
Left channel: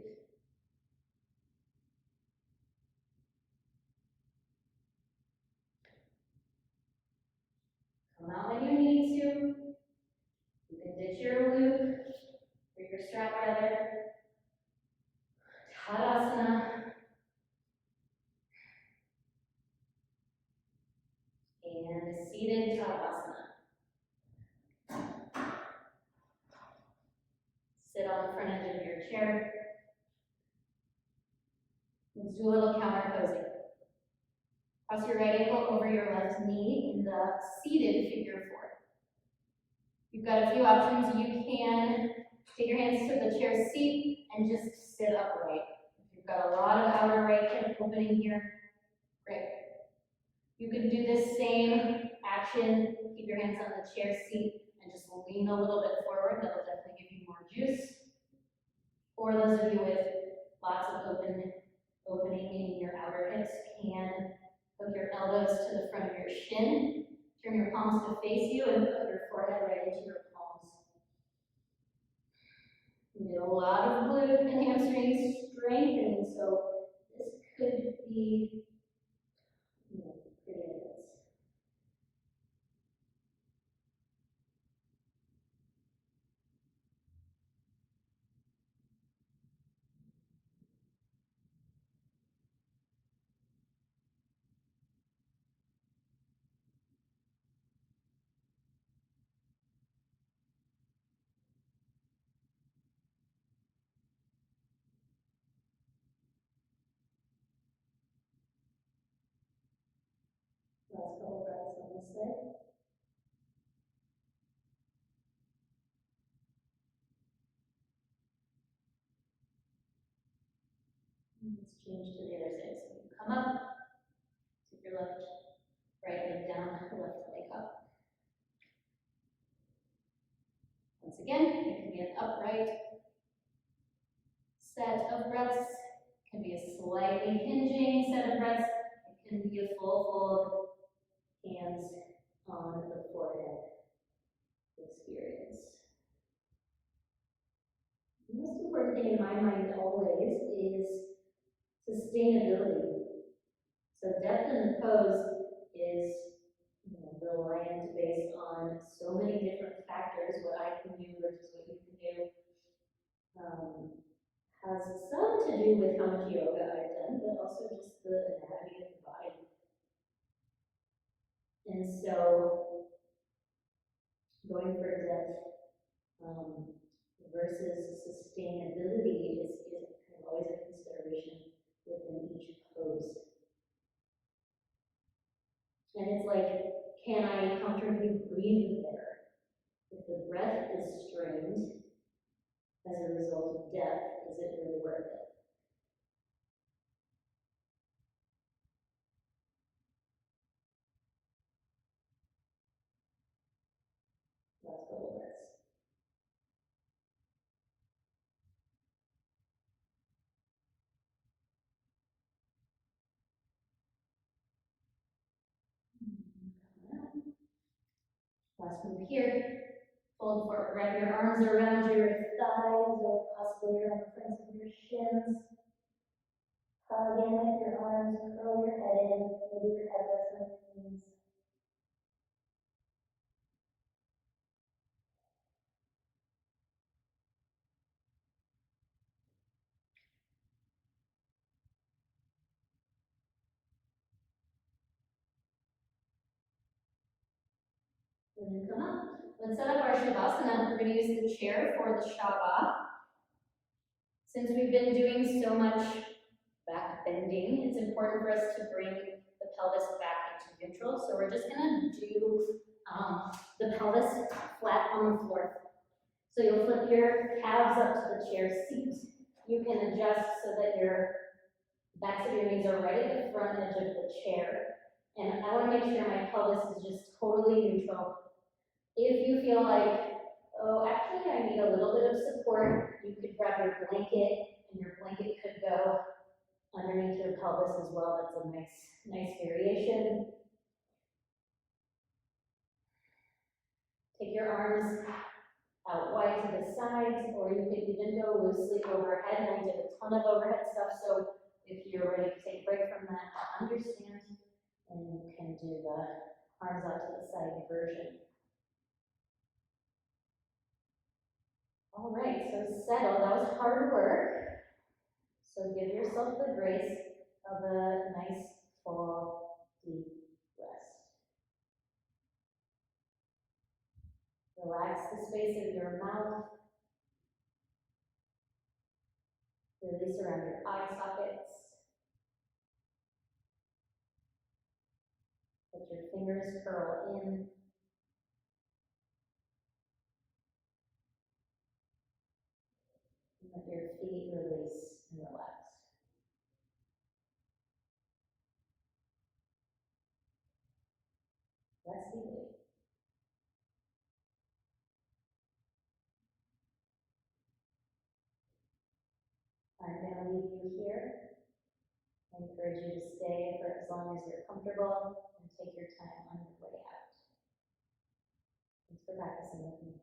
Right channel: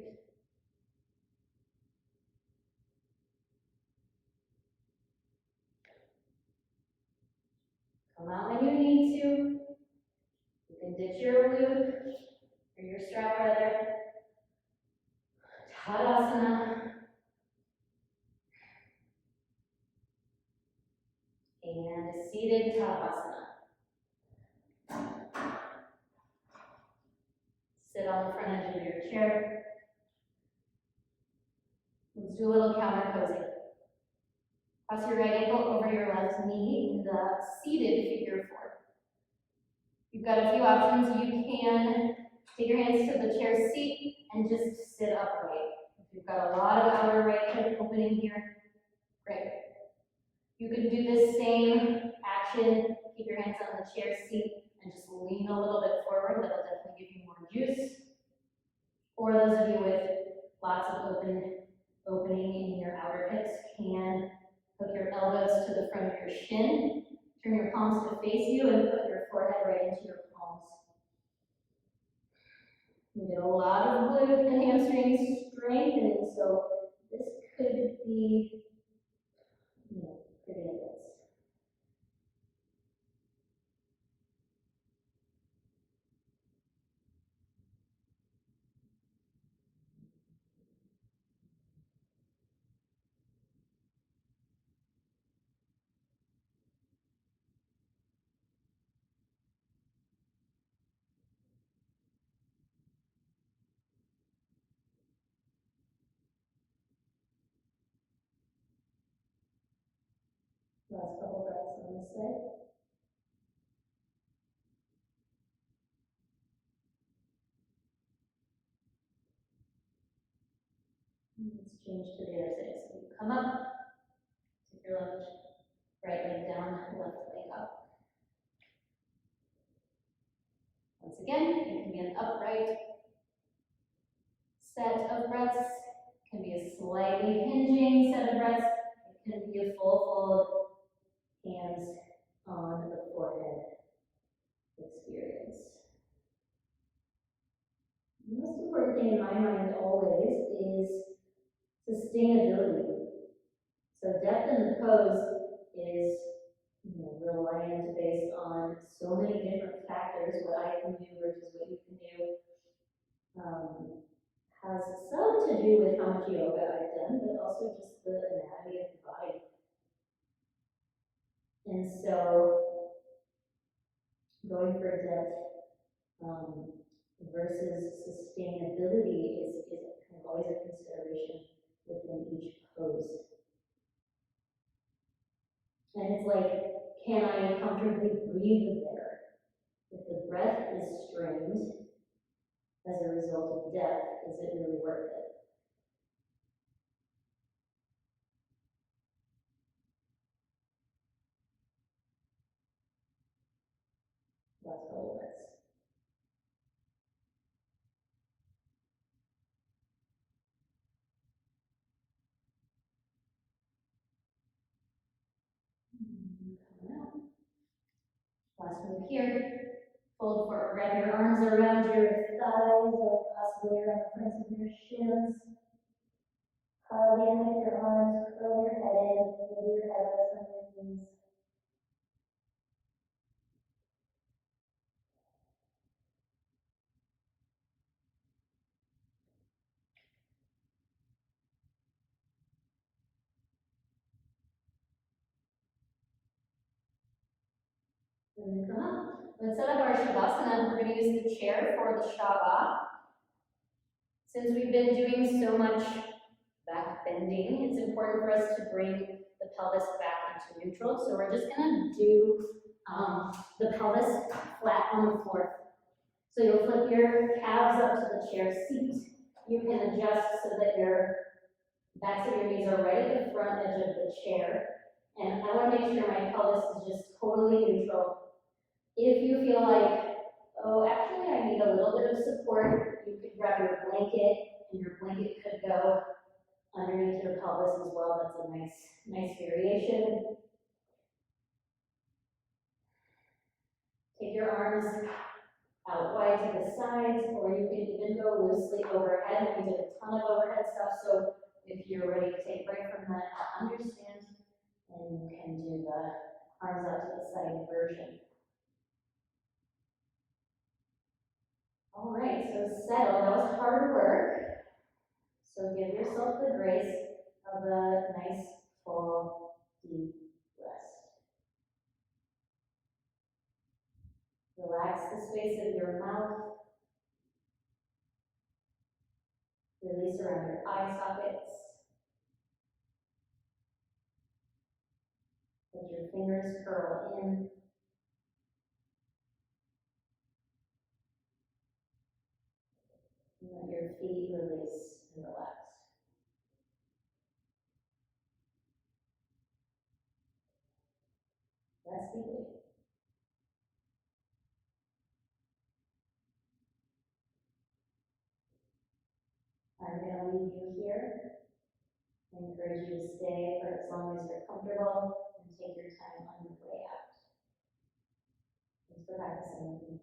Come out when you need to. You can ditch your loop or your strap rather. Tadasana. And a seated Tadasana. Sit on the front edge of your chair. Let's do a little counter posing. Cross your right ankle over your left knee in the seated figure four. You've got a few options. You can take your hands to the chair seat and just sit upright. If you've got a lot of outer right hip opening here, great. You can do this same action, keep your hands on the chair seat and just lean a little bit forward. That'll definitely give you more juice. Or those of you with lots of opening in your outer hips can hook your elbows to the front of your shin. Turn your palms to face you and put your forehead right into your palms. You get a lot of glute and hamstring strengthening, so this could be pretty intense. Last couple breaths on this side. Let's change to the other side. So you come up, take your right leg down, left leg up. Once again, it can be an upright set of breaths. It can be a slightly hinging set of breaths. It can be a full fold, hands on the forehead experience. The most important thing in my mind always is sustainability. So depth in the pose is reliant based on so many different factors, what I can do versus what you can do. Has some to do with how much yoga I've done, but also just the anatomy of the body. And so going for depth versus sustainability is kind of always a consideration within each pose. And it's like, can I comfortably breathe there? If the breath is strained as a result of depth, is it really worth it? Last couple breaths. Coming out. Last move here. Hold forward, wrap your arms around your thighs or possibly around the fronts of your shins. Hug in with your arms, curl your head in, maybe your head rests on your knees. And then come up. Let's set up our Shavasana. We're going to use the chair for the Shava. Since we've been doing so much back bending, it's important for us to bring the pelvis back into neutral. So we're just going to do the pelvis flat on the floor. So you'll flip your calves up to the chair seat. You can adjust so that your backs of your knees are right at the front edge of the chair. And I want to make sure my pelvis is just totally neutral. If you feel like, oh, actually I need a little bit of support, you could grab your blanket, and your blanket could go underneath your pelvis as well. That's a nice variation. Take your arms out wide to the sides, or you could even go loosely overhead. And we did a ton of overhead stuff, so if you're ready to take a break from that, understand, and you can do the arms out to the side version. All right, so settle. That was hard work. So give yourself the grace of a nice, full, deep rest. Relax the space of your mouth. Release around your eye sockets. Let your fingers curl in. And let your feet release and relax. Rest deeply. I'm going to leave you here. I encourage you to stay for as long as you're comfortable and take your time on your way out. Thanks for practicing with me.